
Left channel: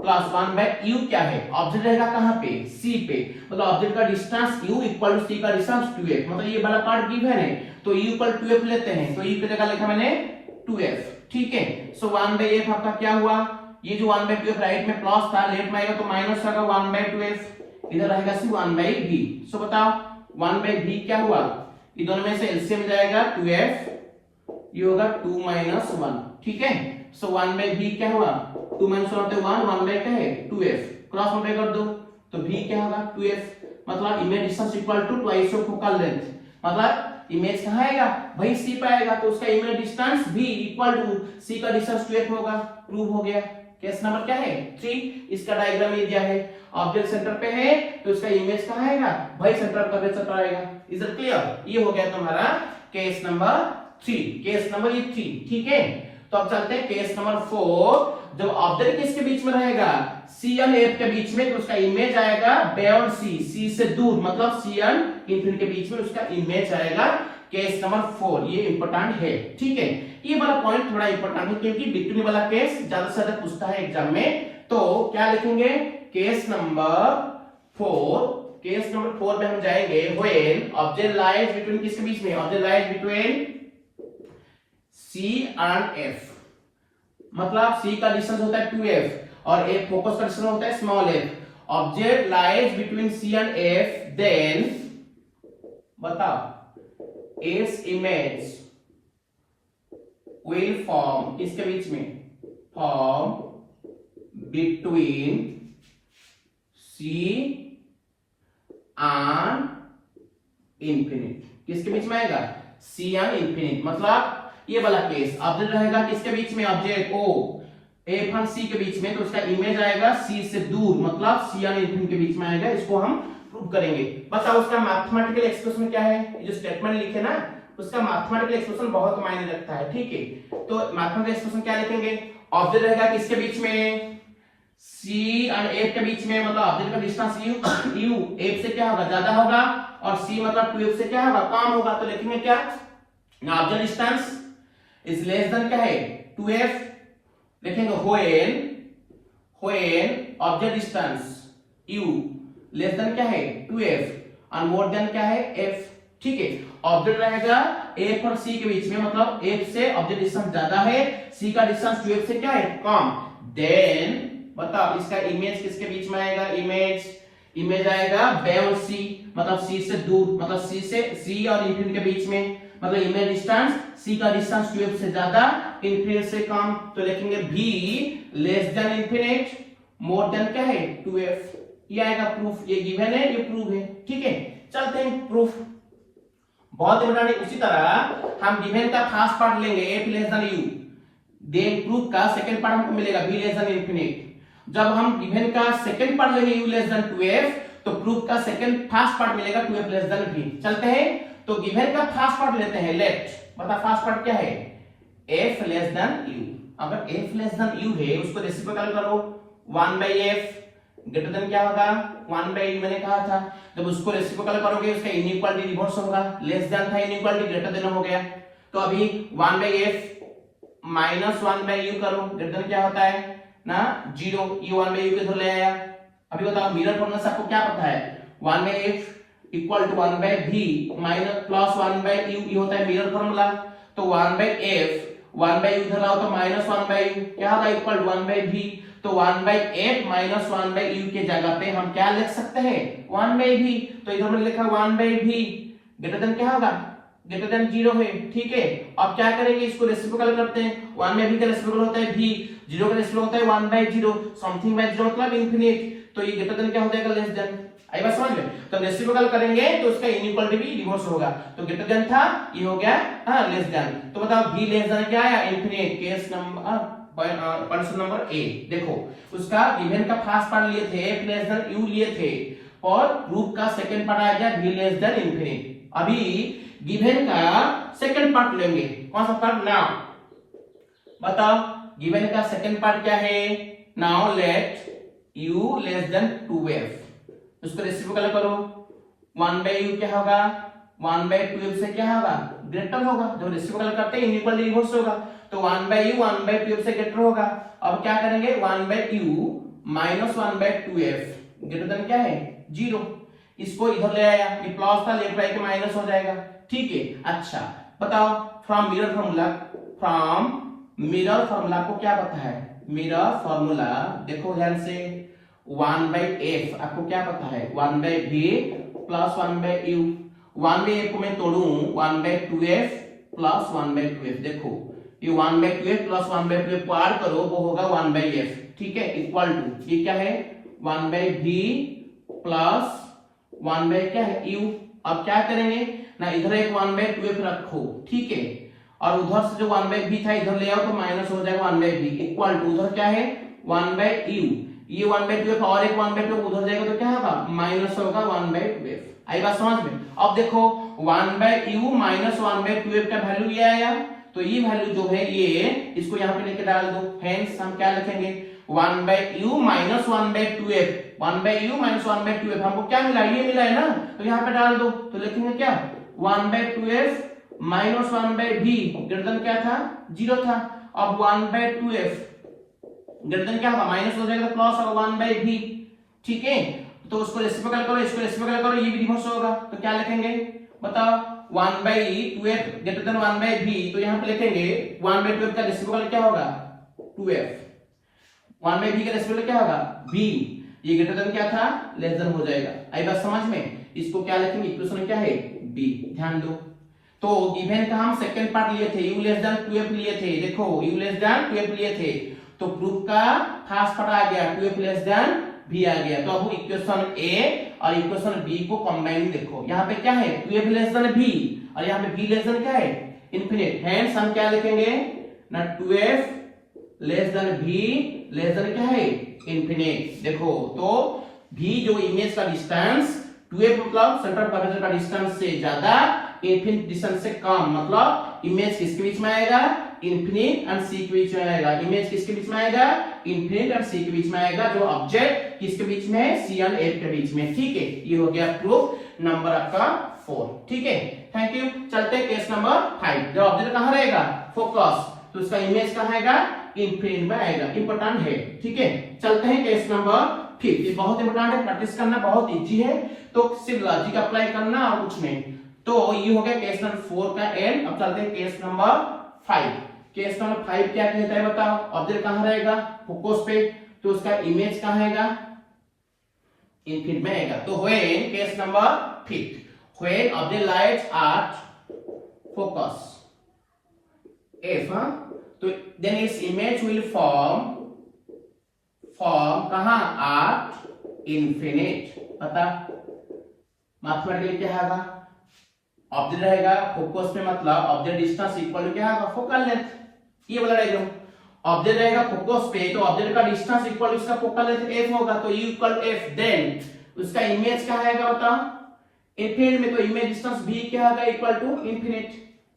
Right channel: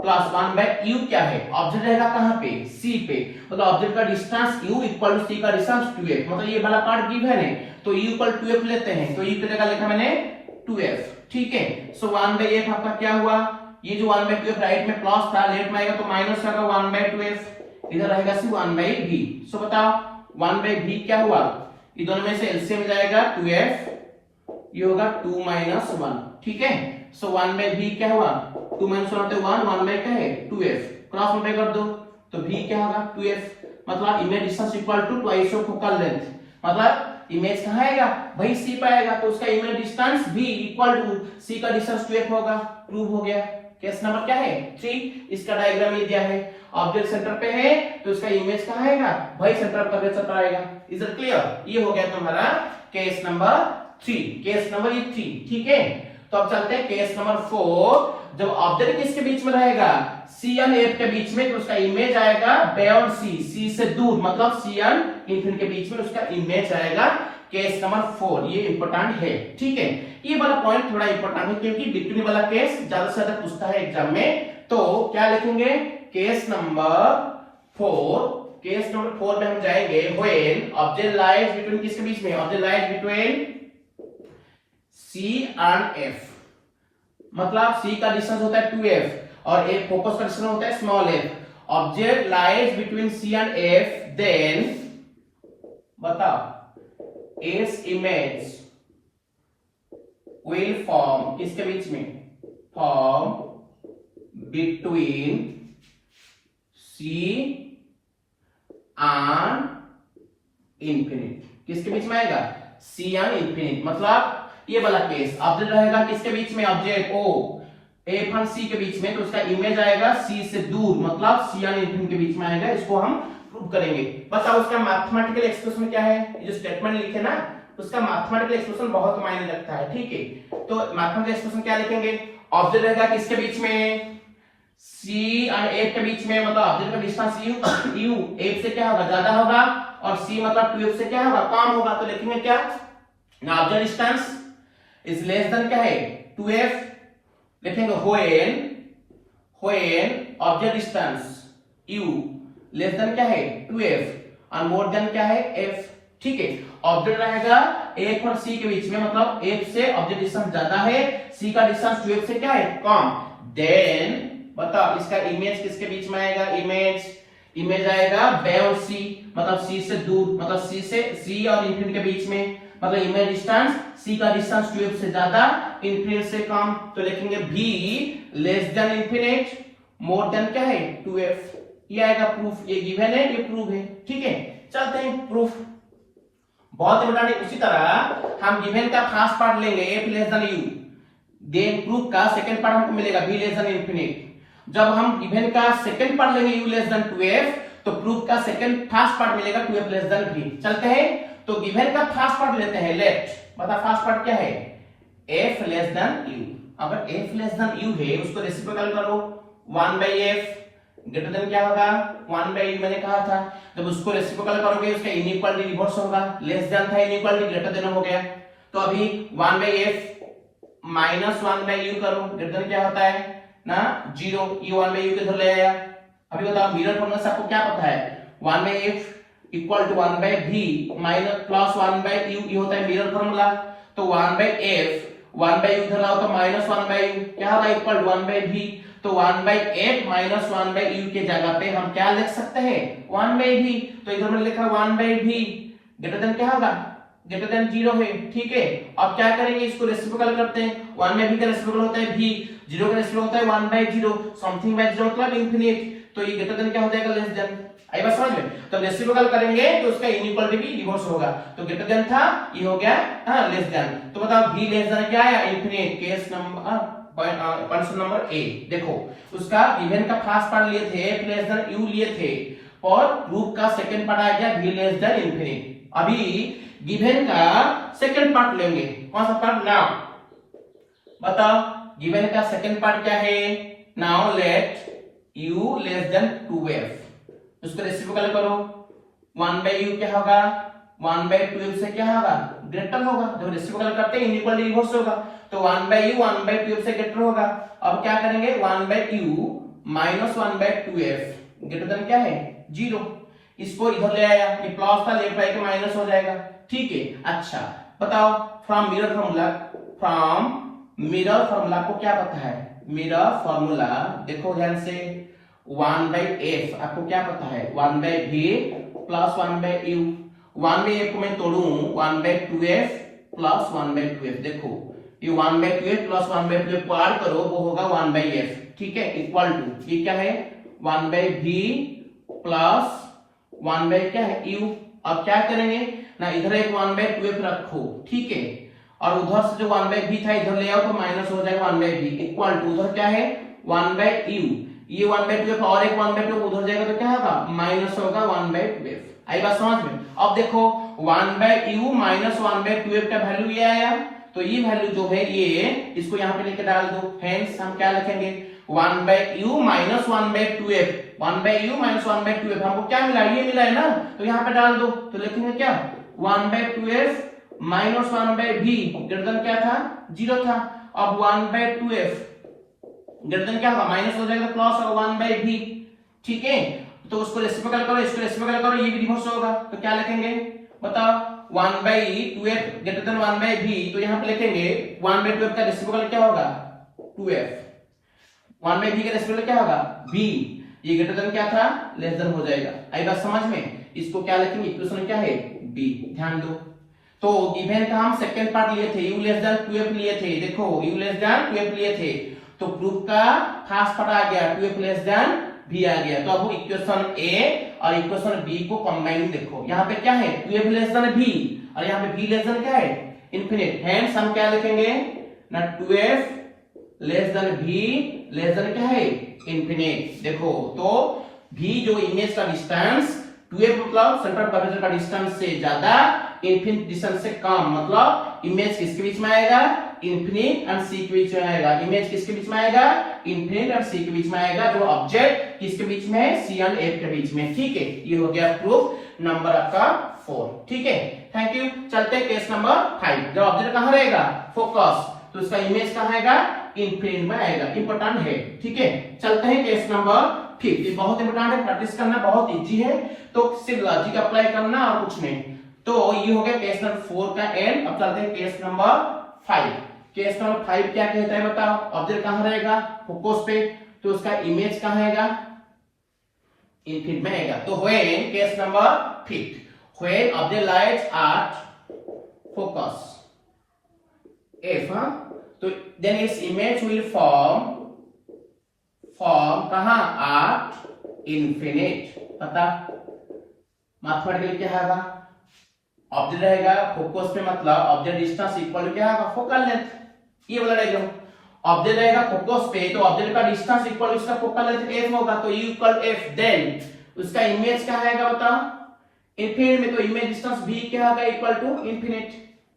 plus 1 by u क्या है, ऑब्जेक्ट रहेगा कहां पे c पे, मतलब ऑब्जेक्ट का distance u equal to c का डिस्टेंस 2f, मतलब ये वाला पार्ट गिवन है तो u इक्वल 2f लेते हैं, तो u की जगह लिखा मैंने 2f, ठीक है, सो 1 by f आपका क्या हुआ, ये जो 1 by 2f राइट में प्लस था, लेफ्ट में आएगा तो माइनस होगा 1 by 2f, इधर रहेगा सी 1 by v, सो बताओ 1 by v क्या हुआ, ये दोनों में से एलसीएम जाएगा 2f, ये होगा 2 minus 1, ठीक है, सो 1 by v क्या हुआ 2 minus 1 होते 1 1 by क्या है 2f, क्रॉस मल्टीप्लाई कर दो तो v क्या होगा 2f, मतलब image distance equal to twice of focal length, मतलब इमेज कहां आएगा भाई c पे आएगा, तो उसका image distance v equal to c का डिस्टेंस 2f होगा, प्रूव हो गया। केस नंबर क्या है 3, इसका डायग्राम ये दिया है, ऑब्जेक्ट सेंटर पे है तो इसका इमेज कहां आएगा भाई सेंटर ऑफ कर्वेचर पर आएगा, इज इट क्लियर, ये हो गया तुम्हारा केस नंबर 3, केस नंबर 3, ठीक है। तो अब चलते हैं केस नंबर 4। जब ऑब्जेक्ट किसके बीच में रहेगा, सी एंड एफ के बीच में, तो उसका इमेज आएगा बे और सी से दूर, मतलब सी एंड इंफिनिटी के बीच में उसका इमेज आएगा। केस नंबर 4 ये इंपॉर्टेंट है, ठीक है। ये वाला पॉइंट थोड़ा इंपॉर्टेंट है क्योंकि डिपेंड वाला केस ज्यादा से ज्यादा पूछता है एग्जाम में। तो क्या लिखेंगे, केस नंबर 4। केस नंबर 4 में हम जाएंगे व्हेन ऑब्जेक्ट लाइज बिटवीन किसके बीच में, object lies between C and F, मतलब सी का डिस्टेंस होता है 2f और एक फोकस का डिस्टेंस होता है small f। Object lies between C and F, then बताओ इट्स इमेज विल फॉर्म किसके बीच में, form between C and infinite. किसके बीच में आएगा, सी एंड इंफिनिट, मतलब ये वाला केस ऑब्जेक्ट रहेगा किसके बीच में, ऑब्जेक्ट ओ एफ और सी के बीच में, तो उसका इमेज आएगा सी से दूर, मतलब सी एंड इंफिनिटी के बीच में आएगा। इसको हम प्रूव करेंगे। बताओ उसका मैथमेटिकल एक्सप्रेशन क्या है, ये जो स्टेटमेंट लिखे ना उसका मैथमेटिकल एक्सप्रेशन बहुत मायने रखता है, ठीक है। तो मैथमेटिकल एक्सप्रेशन क्या लिखेंगे, ऑब्जेक्ट रहेगा किसके बीच में, सी एंड एफ के बीच में, मतलब ऑब्जेक्ट का डिस्टेंस यू एफ से क्या होगा, ज्यादा होगा, और सी मतलब 2f से क्या होगा, कम होगा। तो लिखेंगे क्या, object distance is less than क्या है 2f, लिखेंगे when object distance u less then क्या है 2f और मोर देन क्या है f, ठीक है। ऑब्जेक्ट रहेगा f और c के बीच में, मतलब f से ऑब्जेक्ट डिस्टेंस ज्यादा है, c का डिस्टेंस 2f से क्या है कम। देन बताओ इसका इमेज किसके बीच में आएगा, इमेज आएगा बे और c, मतलब c से दूर, मतलब c और इंफिनिटी के बीच में, मतलब इमेज डिस्टेंस c का डिस्टेंस 2f से ज्यादा, इंफिनिटी से कम। तो लिखेंगे v less than infinity more than क्या है 2f, ये आएगा प्रूफ। ये गिवन है, ये प्रूफ है, ठीक है। चलते हैं प्रूफ, बहुत इंपॉर्टेंट है। उसी तरह हम गिवन का फर्स्ट पार्ट लेंगे f less than u, then proof का सेकंड पार्ट हमको मिलेगा v लेस देन इंफिनिटी। जब हम गिवन का सेकंड पार्ट लेंगे u लेस देन 2f, तो प्रूफ का फर्स्ट पार्ट मिलेगा 2f लेस देन v। चलते हैं, तो गिवन का फर्स्ट पार्ट लेते हैं, लेट बता फर्स्ट पार्ट क्या है, f लेस देन u। अगर f लेस देन u है उसको रेसिप्रोकल करो, 1/f ग्रेटर देन क्या होगा 1/u, मैंने कहा था। जब उसको रेसिप्रोकल करोगे उसका इनइक्वालिटी रिवर्स होगा, लेस देन था इनइक्वालिटी ग्रेटर देन हो गया। तो अभी 1/f माइनस 1/u करो, ग्रेटर देन क्या होता है ना 0, ये 1/u के इधर ले आया। अभी बताओ मिरर फॉर्मूला से आपको क्या पता है, 1/f equal to 1/v minus plus 1/u, ये होता है मिरर फॉर्मूला। तो 1/f 1/u इधर लाओ तो माइनस 1/u क्या होगा इक्वल 1/v। तो 1/f माइनस 1/u के जगह पे हम क्या लिख सकते हैं 1/v। तो इधर मैंने लिखा 1/v ग्रेटर देन क्या होगा, ग्रेटर देन 0 है, ठीक है। अब क्या करेंगे, इसको रेसिप्रोकल करते हैं। 1/v का रेसिप्रोकल होता है v, 0 का रेसिप्रोकल होता है 1/0, समथिंग बाय 0 मतलब इंफिनिट। तो ये ग्रेटर देन क्या हो जाएगा लेस देन, आई बात समझ में। तो रेसिप्रोकल करेंगे तो उसका इनइक्वालिटी भी रिवर्स होगा। तो ग्रेटर देन था, ये हो गया हां लेस देन। तो बताओ v लेस देन क्या है infinite. Case number question number A, देखो उसका गिवन का फर्स्ट पार्ट लिए थे f लेस देन u लिए थे, और प्रूफ का सेकंड पार्ट आएगा v लेस देन इंफिनिट। अभी गिवन का सेकंड पार्ट लेंगे, कौन सा पार्ट, नाउ बताओ गिवन का सेकंड पार्ट क्या है, now let u less then 2f, उसको रेसिप्रोकल करो, 1/u क्या होगा 1/2f से क्या होगा ग्रेटर होगा। जब रेसिप्रोकल करते हैं इनइक्वल रिवर्स होगा, तो 1/u 1/2f से ग्रेटर होगा। अब क्या करेंगे 1/u minus 1/2f greater than क्या है 0, इसको इधर ले आया, ये प्लस था लेफ्ट राइट माइनस हो जाएगा, ठीक है। अच्छा बताओ फ्रॉम मिरर फार्मूला को क्या पता है, मिरर फार्मूला देखो ध्यान से, 1/f आपको क्या पता है 1/v प्लस 1/u। 1/f को मैं तोड़ू 1/2f प्लस 1/2f, देखो ये 1/2f प्लस 1/2f को ऐड करो वो होगा 1/f, ठीक है, इक्वल टू ये क्या है 1/v प्लस 1/ क्या है u। अब क्या करेंगे ना, इधर एक 1/2f रखो, ठीक है, और उधर से जो 1/v था इधर ले आओ तो माइनस हो जाएगा 1/v इक्वल टू उधर क्या है 1/u, ये 1/2f और एक 1/2 उधर जाएगा तो क्या होगा माइनस होगा 1/2f। आई बात समझ में। अब देखो 1/u माइनस 1/2f का वैल्यू ये आया, तो ये वैल्यू जो है ये इसको यहाँ पे लेके डाल दो, हेंस हम क्या लिखेंगे 1/u minus 1/2f, 1/u minus 1/2f हमको क्या मिला, ये मिला है ना, तो यहाँ पे डाल दो, तो लिखेंगे क्या 1/2f minus 1/v greater than क्या था 0 था। अब 1/2f ग्रेटर देन क्या होगा माइनस हो जाएगा प्लस और 1/v, ठीक है, तो उसको रेसिप्रोकल करो, इसको रेसिप्रोकल करो, ये भी रिवर्स होगा, तो क्या लिखेंगे बताओ 1/2f ग्रेटर देन 1/v, तो यहाँ पे लिखेंगे 1/2f का रेसिप्रोकल क्या होगा 2f, 1/v का रेसिप्रोकल क्या होगा v, ये ग्रेटर देन क्या था लेस देन हो जाएगा। आई बात समझ में, इसको क्या लिखेंगे इक्वेशन क्या है b, ध्यान दो। तो गिवन का हम सेकंड पार्ट लिए थे u लेस देन 2f लिए थे, देखो u लेस देन 2f लिए थे, तो प्रूफ का फर्स्ट पार्ट आ गया 2f लेस देन v आ गया। तो अब इक्वेशन a और इक्वेशन b को कंबाइन देखो, यहाँ पे क्या है 2f लेस देन v और यहाँ पे v लेस देन क्या है इंफिनिट, हेंस हम क्या लिखेंगे ना 2f less than v less than क्या है इंफिनिट। देखो तो v जो इमेज का डिस्टेंस 2f मतलब सेंटर ऑफ कर्वेचर का डिस्टेंस से ज्यादा, इंफिनिट डिस्टेंस से कम, मतलब इमेज किसके बीच में आएगा इंफिनिट एंड सी के बीच में आएगा, इमेज किसके बीच में आएगा इंफिनिट एंड सी के बीच में आएगा, जो ऑब्जेक्ट किसके बीच में है सी एंड एफ के बीच में, ठीक है। ये हो गया प्रूफ नंबर आपका 4, ठीक है, थैंक यू। चलते हैं केस नंबर 5, जो ऑब्जेक्ट कहां रहेगा फोकस, तो उसका इमेज कहां आएगा इंफिनिट में आएगा, इंपॉर्टेंट है, ठीक है। चलते हैं केस नंबर 5, ये बहुत इंपॉर्टेंट है, प्रैक्टिस करना बहुत इजी है, तो सिर्फ लॉजिक अप्लाई करना और कुछ नहीं। तो ये हो गया केस नंबर 4 का एंड। अब चलते हैं केस नंबर 5। केस नंबर 5 क्या कहता है बताओ, ऑब्जेक्ट कहां रहेगा फोकस पे, तो उसका इमेज कहां आएगा इंफिनिट में आएगा। तो when case number 5 when object lies at focus f, तो then its image will form कहां एट इंफिनिट। पता मैथमेटिकली क्या होगा, ऑब्जेक्ट रहेगा फोकस पे मतलब ऑब्जेक्ट डिस्टेंस इक्वल टू क्या होगा फोकल लेंथ, ये बोला रहेगा। ऑब्जेक्ट रहेगा फोकस पे तो ऑब्जेक्ट का डिस्टेंस इक्वल टू इसका फोकल लेंथ f होगा, तो u इक्वल f, देन उसका इमेज क्या आएगा बताओ इंफिनिट में, तो इमेज डिस्टेंस v क्या होगा इक्वल टू इंफिनिट,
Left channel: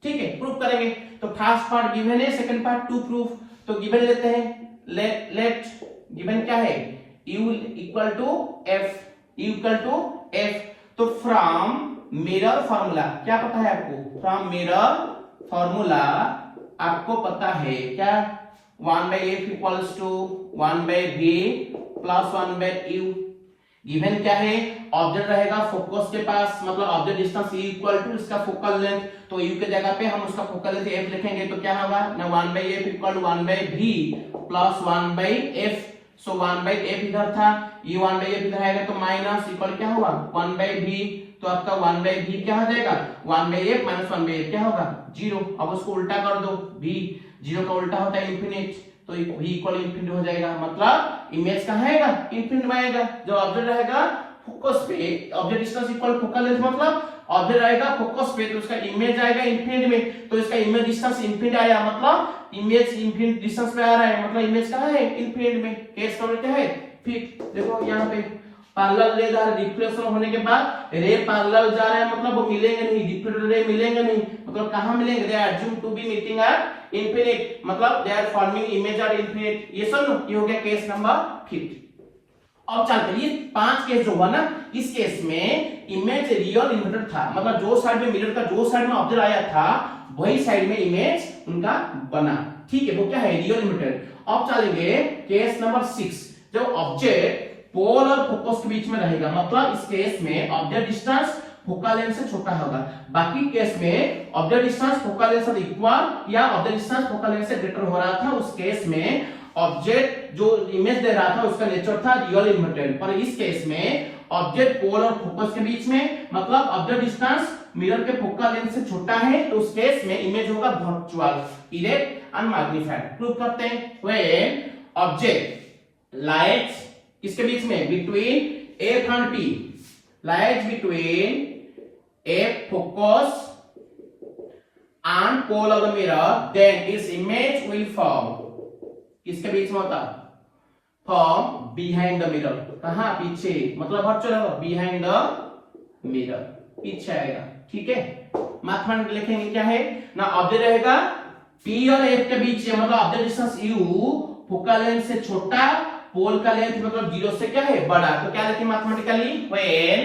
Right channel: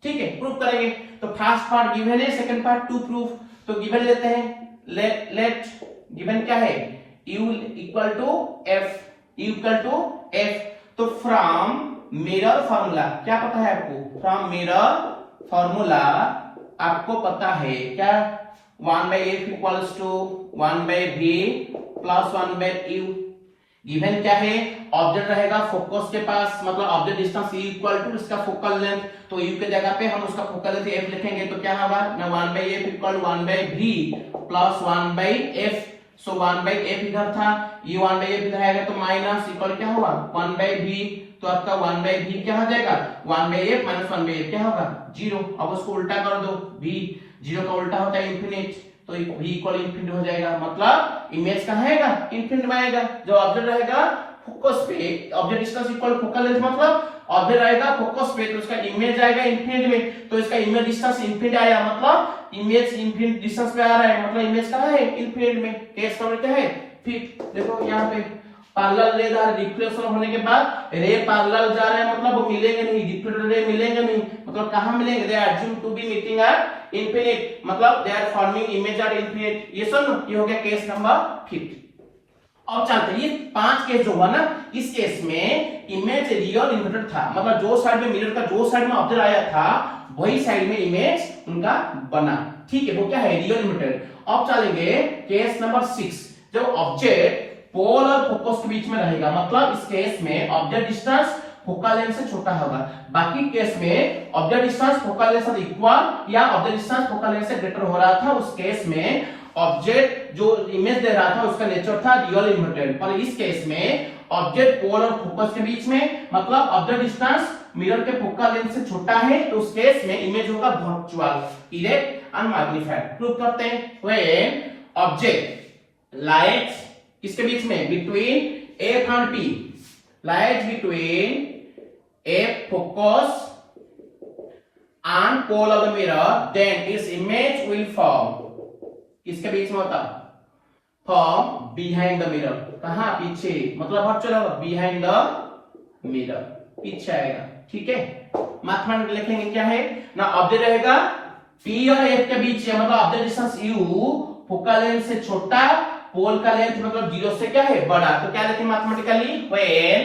ठीक है। प्रूफ करेंगे, तो फर्स्ट पार्ट गिवन है, सेकंड पार्ट टू प्रूफ। तो गिवन लेते हैं, लेट गिवन क्या है u इक्वल टू f, तो फ्रॉम मिरर फार्मूला क्या पता है आपको, फ्रॉम मिरर फार्मूला आपको पता है क्या 1/f equals to 1/v plus 1/u। Given क्या है ऑब्जेक्ट रहेगा फोकस के पास मतलब object distance u equal to इसका फोकल लेंथ, तो u के जगह पे हम उसका फोकल लेंथ f लिखेंगे, तो क्या होगा ना 1/f equal 1/v plus 1/f। सो 1/f इधर था, ये 1/f इधर आएगा तो माइनस इक्वल क्या होगा 1/v, तो आपका 1/v क्या हो जाएगा 1/f माइनस 1/f क्या होगा 0। अब उसको उल्टा कर दो, v 0 का उल्टा होता है इंफिनिट, तो v इक्वल इंफिनिट हो जाएगा, मतलब इमेज कहां आएगा इंफिनिट में आएगा। जो ऑब्जेक्ट रहेगा फोकस पे, object distance equal focal length मतलब ऑब्जेक्ट रहेगा फोकस पे तो उसका इमेज आएगा इंफिनिट में, तो इसका इमेज डिस्टेंस इंफिनिट आया मतलब इमेज इंफिनिट डिस्टेंस पे आ रहा है, मतलब इमेज कहां है इंफिनिट में। केस नंबर क्या है फिर देखो यहाँ पे पैरेलल रे जा रिफ्लेक्शन होने के बाद रे पैरेलल जा रहा है, मतलब वो मिलेंगे नहीं, रिफ्लेक्टेड रे मिलेंगे नहीं, मतलब कहां मिलेंगे they are assume to be meeting at infinite, मतलब they are forming image at infinite. ये सब ये हो गया केस नंबर 5। अब चलते हैं, ये 5 केस जो हुआ ना, इस केस में इमेज रियल इन्वर्टेड था, मतलब जो साइड में मिरर का जो साइड में ऑब्जेक्ट आया था वही साइड में इमेज उनका बना, ठीक है, वो क्या है रियल इन्वर्टेड। अब चलेंगे केस नंबर 6, जो ऑब्जेक्ट पोल और फोकस के बीच में रहेगा, मतलब इस केस में ऑब्जेक्ट डिस्टेंस फोकल लेंथ से छोटा होगा, बाकी केस में ऑब्जेक्ट डिस्टेंस फोकल लेंथ से इक्वल या ऑब्जेक्ट डिस्टेंस फोकल लेंथ से ग्रेटर हो रहा था। उस केस में ऑब्जेक्ट जो इमेज दे रहा था उसका नेचर था रियल इन्वर्टेड, पर इस केस में ऑब्जेक्ट पोल और फोकस के बीच में मतलब ऑब्जेक्ट डिस्टेंस मिरर के फोकल लेंथ से छोटा है, तो उस केस में इमेज होगा virtual erect and magnified. Prove करते हैं, व्हेन ऑब्जेक्ट लाइज किसके बीच में between f and t, lies between f focus and pole of the mirror, then its image will form किसके बीच में होता form behind the mirror, कहां पीछे, मतलब वर्चुअल behind the mirror पीछे आएगा, ठीक है। मैथमेटिक्स लिखेंगे क्या है ना, ऑब्जेक्ट रहेगा P और F के बीच है, मतलब object distance U focal length से छोटा, पोल का लेंथ मतलब 0 से क्या है बड़ा। तो क्या लिखें mathematically, when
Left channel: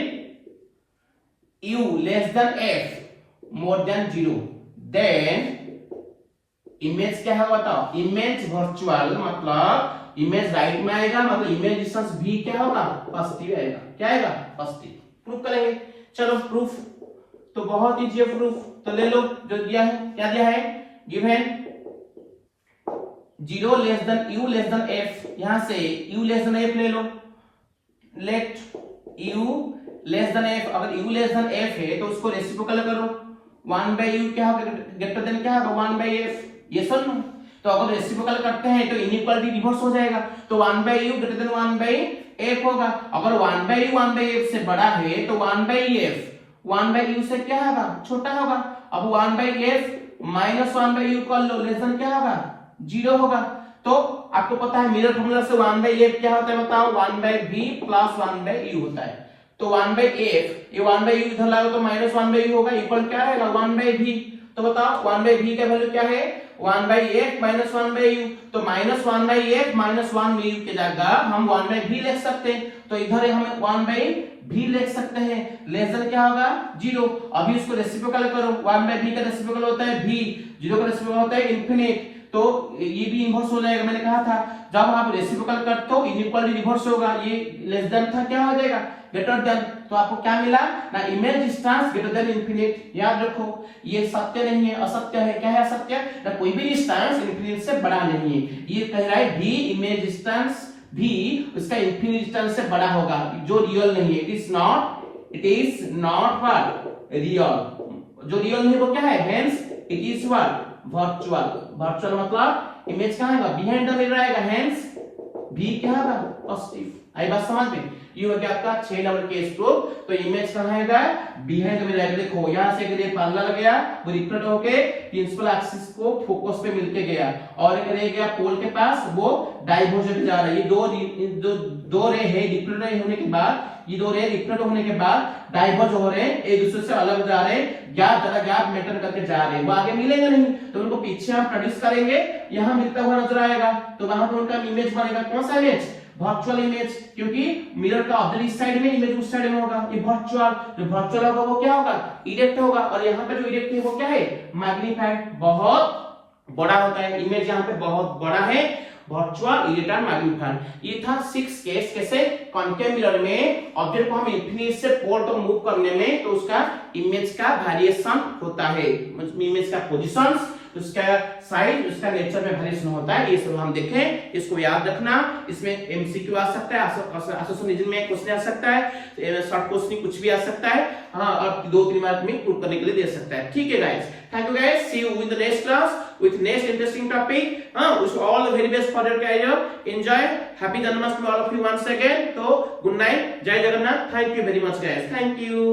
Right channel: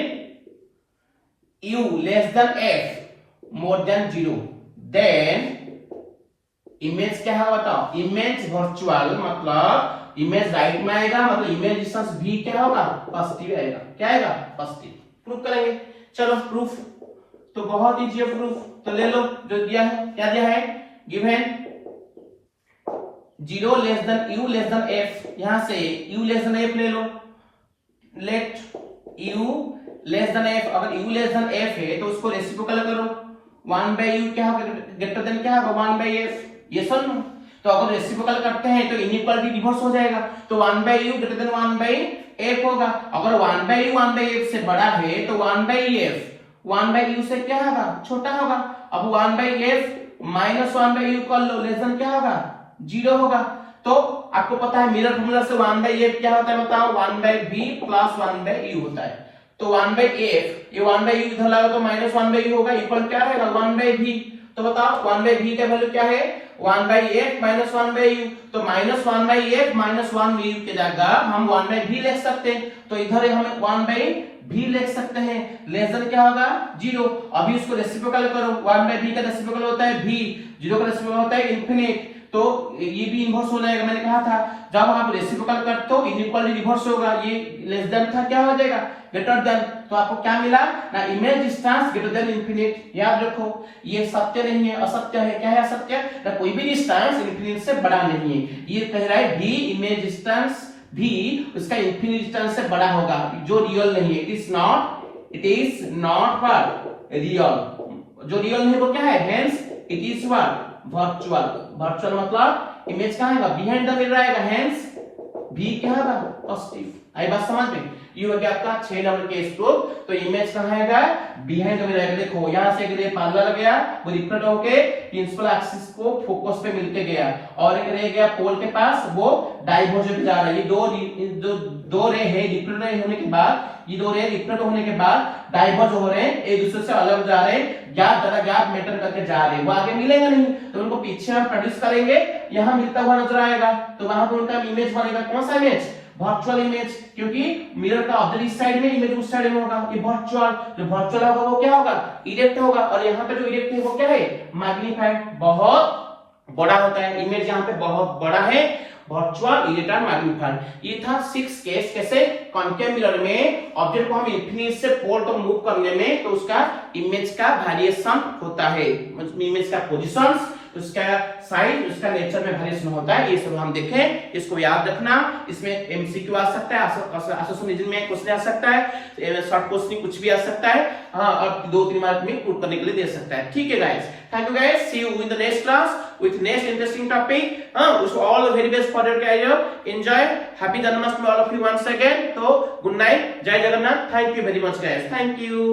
U less than F more than 0 then image क्या है बताओ, इमेज वर्चुअल मतलब इमेज राइट में आएगा, मतलब इमेज डिस्टेंस भी क्या होगा पॉजिटिव आएगा। क्या आएगा पॉजिटिव। प्रूफ करेंगे, चलो प्रूफ तो बहुत इजी है प्रूफ, तो ले लो जो दिया है। क्या दिया है, given 0 less than U less than F, यहां से U लेस देन F ले लो, let U less than F, अगर U लेस देन F है तो उसको रेसिप्रोकल करो, 1/U क्या होगा ग्रेटर देन क्या होगा 1/F, ये सुन। तो अगर रेसिप्रोकल करते हैं तो इनइक्वालिटी रिवर्स हो जाएगा, तो 1/U ग्रेटर देन 1/F होगा। अगर 1/U 1/F से बड़ा है तो 1/F 1/U से क्या होगा छोटा होगा। अब 1/F माइनस 1/U कर लो, लेस देन क्या होगा 0 होगा। तो आपको पता है मिरर फार्मूला से 1/F क्या होता है बताओ, 1/V प्लस 1/U होता है। तो 1/F ये 1/U इधर लगा तो माइनस 1/U होगा, इक्वल क्या रहेगा 1/V। तो बताओ 1/V का वैल्यू क्या है 1/F माइनस 1/U, तो माइनस 1/F माइनस 1/U की जगह हम 1/V लिख सकते हैं, तो इधर हम 1/V लिख सकते हैं, लेस देन क्या होगा 0। अभी इसको रेसिप्रोकल करो, 1/V का रेसिप्रोकल होता है V, 0 का रेसिप्रोकल होता है इनफिनिट, तो ये भी इन्वर्स हो जाएगा। मैंने कहा था जब आप रेसिप्रोकल करते हो इनइक्वालिटी रिवर्स होगा, ये लेस देन था क्या हो जाएगा ग्रेटर देन, तो आपको क्या मिला ना image distance greater than infinite. याद रखो ये सत्य नहीं है, असत्य है। क्या है असत्य, ना कोई भी डिस्टेंस इनफिनिट से बड़ा नहीं है। ये कह रहा है भी इमेज डिस्टेंस भी उसका इनफिनिट डिस्टेंस से बड़ा होगा, जो रियल नहीं है। It is not what real, जो रियल नहीं वो क्या है, hence it is what virtual. Virtual मतलब इमेज कहां है बिहाइंड द मिरर आएगा, हेंस भी क्या है पॉजिटिव। आई बात समझ में, ये हो गया आपका 6 नंबर केस प्रूफ। तो इमेज कहां आएगा बिहाइंड द मिरर। देखो यहां से रे पैरेलल गया, वो रिफ्लेक्ट होके प्रिंसिपल एक्सिस को फोकस पे मिलके गया, और एक रे गया पोल के पास, वो डाइवर्ज होके जा रहा है। ये दो रे है रिफ्लेक्ट होने के बाद, ये दो रे रिफ्लेक्ट होने के बाद डाइवर्ज हो रहे हैं, एक दूसरे से अलग जा रहे हैं, गैप मेंटेन करके जा रहे हैं। वो आगे मिलेंगे नहीं, तो उनको पीछे हम प्रोड्यूस करेंगे, यहाँ मिलता हुआ नजर आएगा, तो वहां पर उनका इमेज बनेगा। कौन सा इमेज, वर्चुअल इमेज, क्योंकि मिरर का ऑब्जेक्ट इस साइड में, इमेज उस साइड में होगा। ये वर्चुअल, जो वर्चुअल होगा वो क्या होगा इरेक्ट होगा, और यहाँ पे जो इरेक्ट है वो क्या है मैग्नीफाइड, बहुत बड़ा होता है। इमेज यहाँ पे बहुत बड़ा है, वर्चुअल इरेक्ट मैग्नीफाइड। ये था 6 केस, कैसे कॉन्केव मिरर में ऑब्जेक्ट को हम इनफिनिट से पोल तक मूव करने में, तो उसका इमेज का वेरिएशन होता है, इमेज का पोजीशंस, उसका साइज, उसका नेचर में वेरिएशन होता है। ये सब हम देखें, इसको याद रखना। इसमें एमसीक्यू आ सकता है, एसोसिएशन में क्वेश्चन आ सकता है, शॉर्ट क्वेश्चन कुछ भी आ सकता है, हाँ, और 2-3 मार्क में प्रूव करने के लिए दे सकता है। ठीक है guys, thank you guys, see you in the next class with next interesting topic. Wish you all the very best for your career. Enjoy. Happy Janmashtami all of you once again. So good night. Jai Jagannath. Thank you very much guys. Thank you.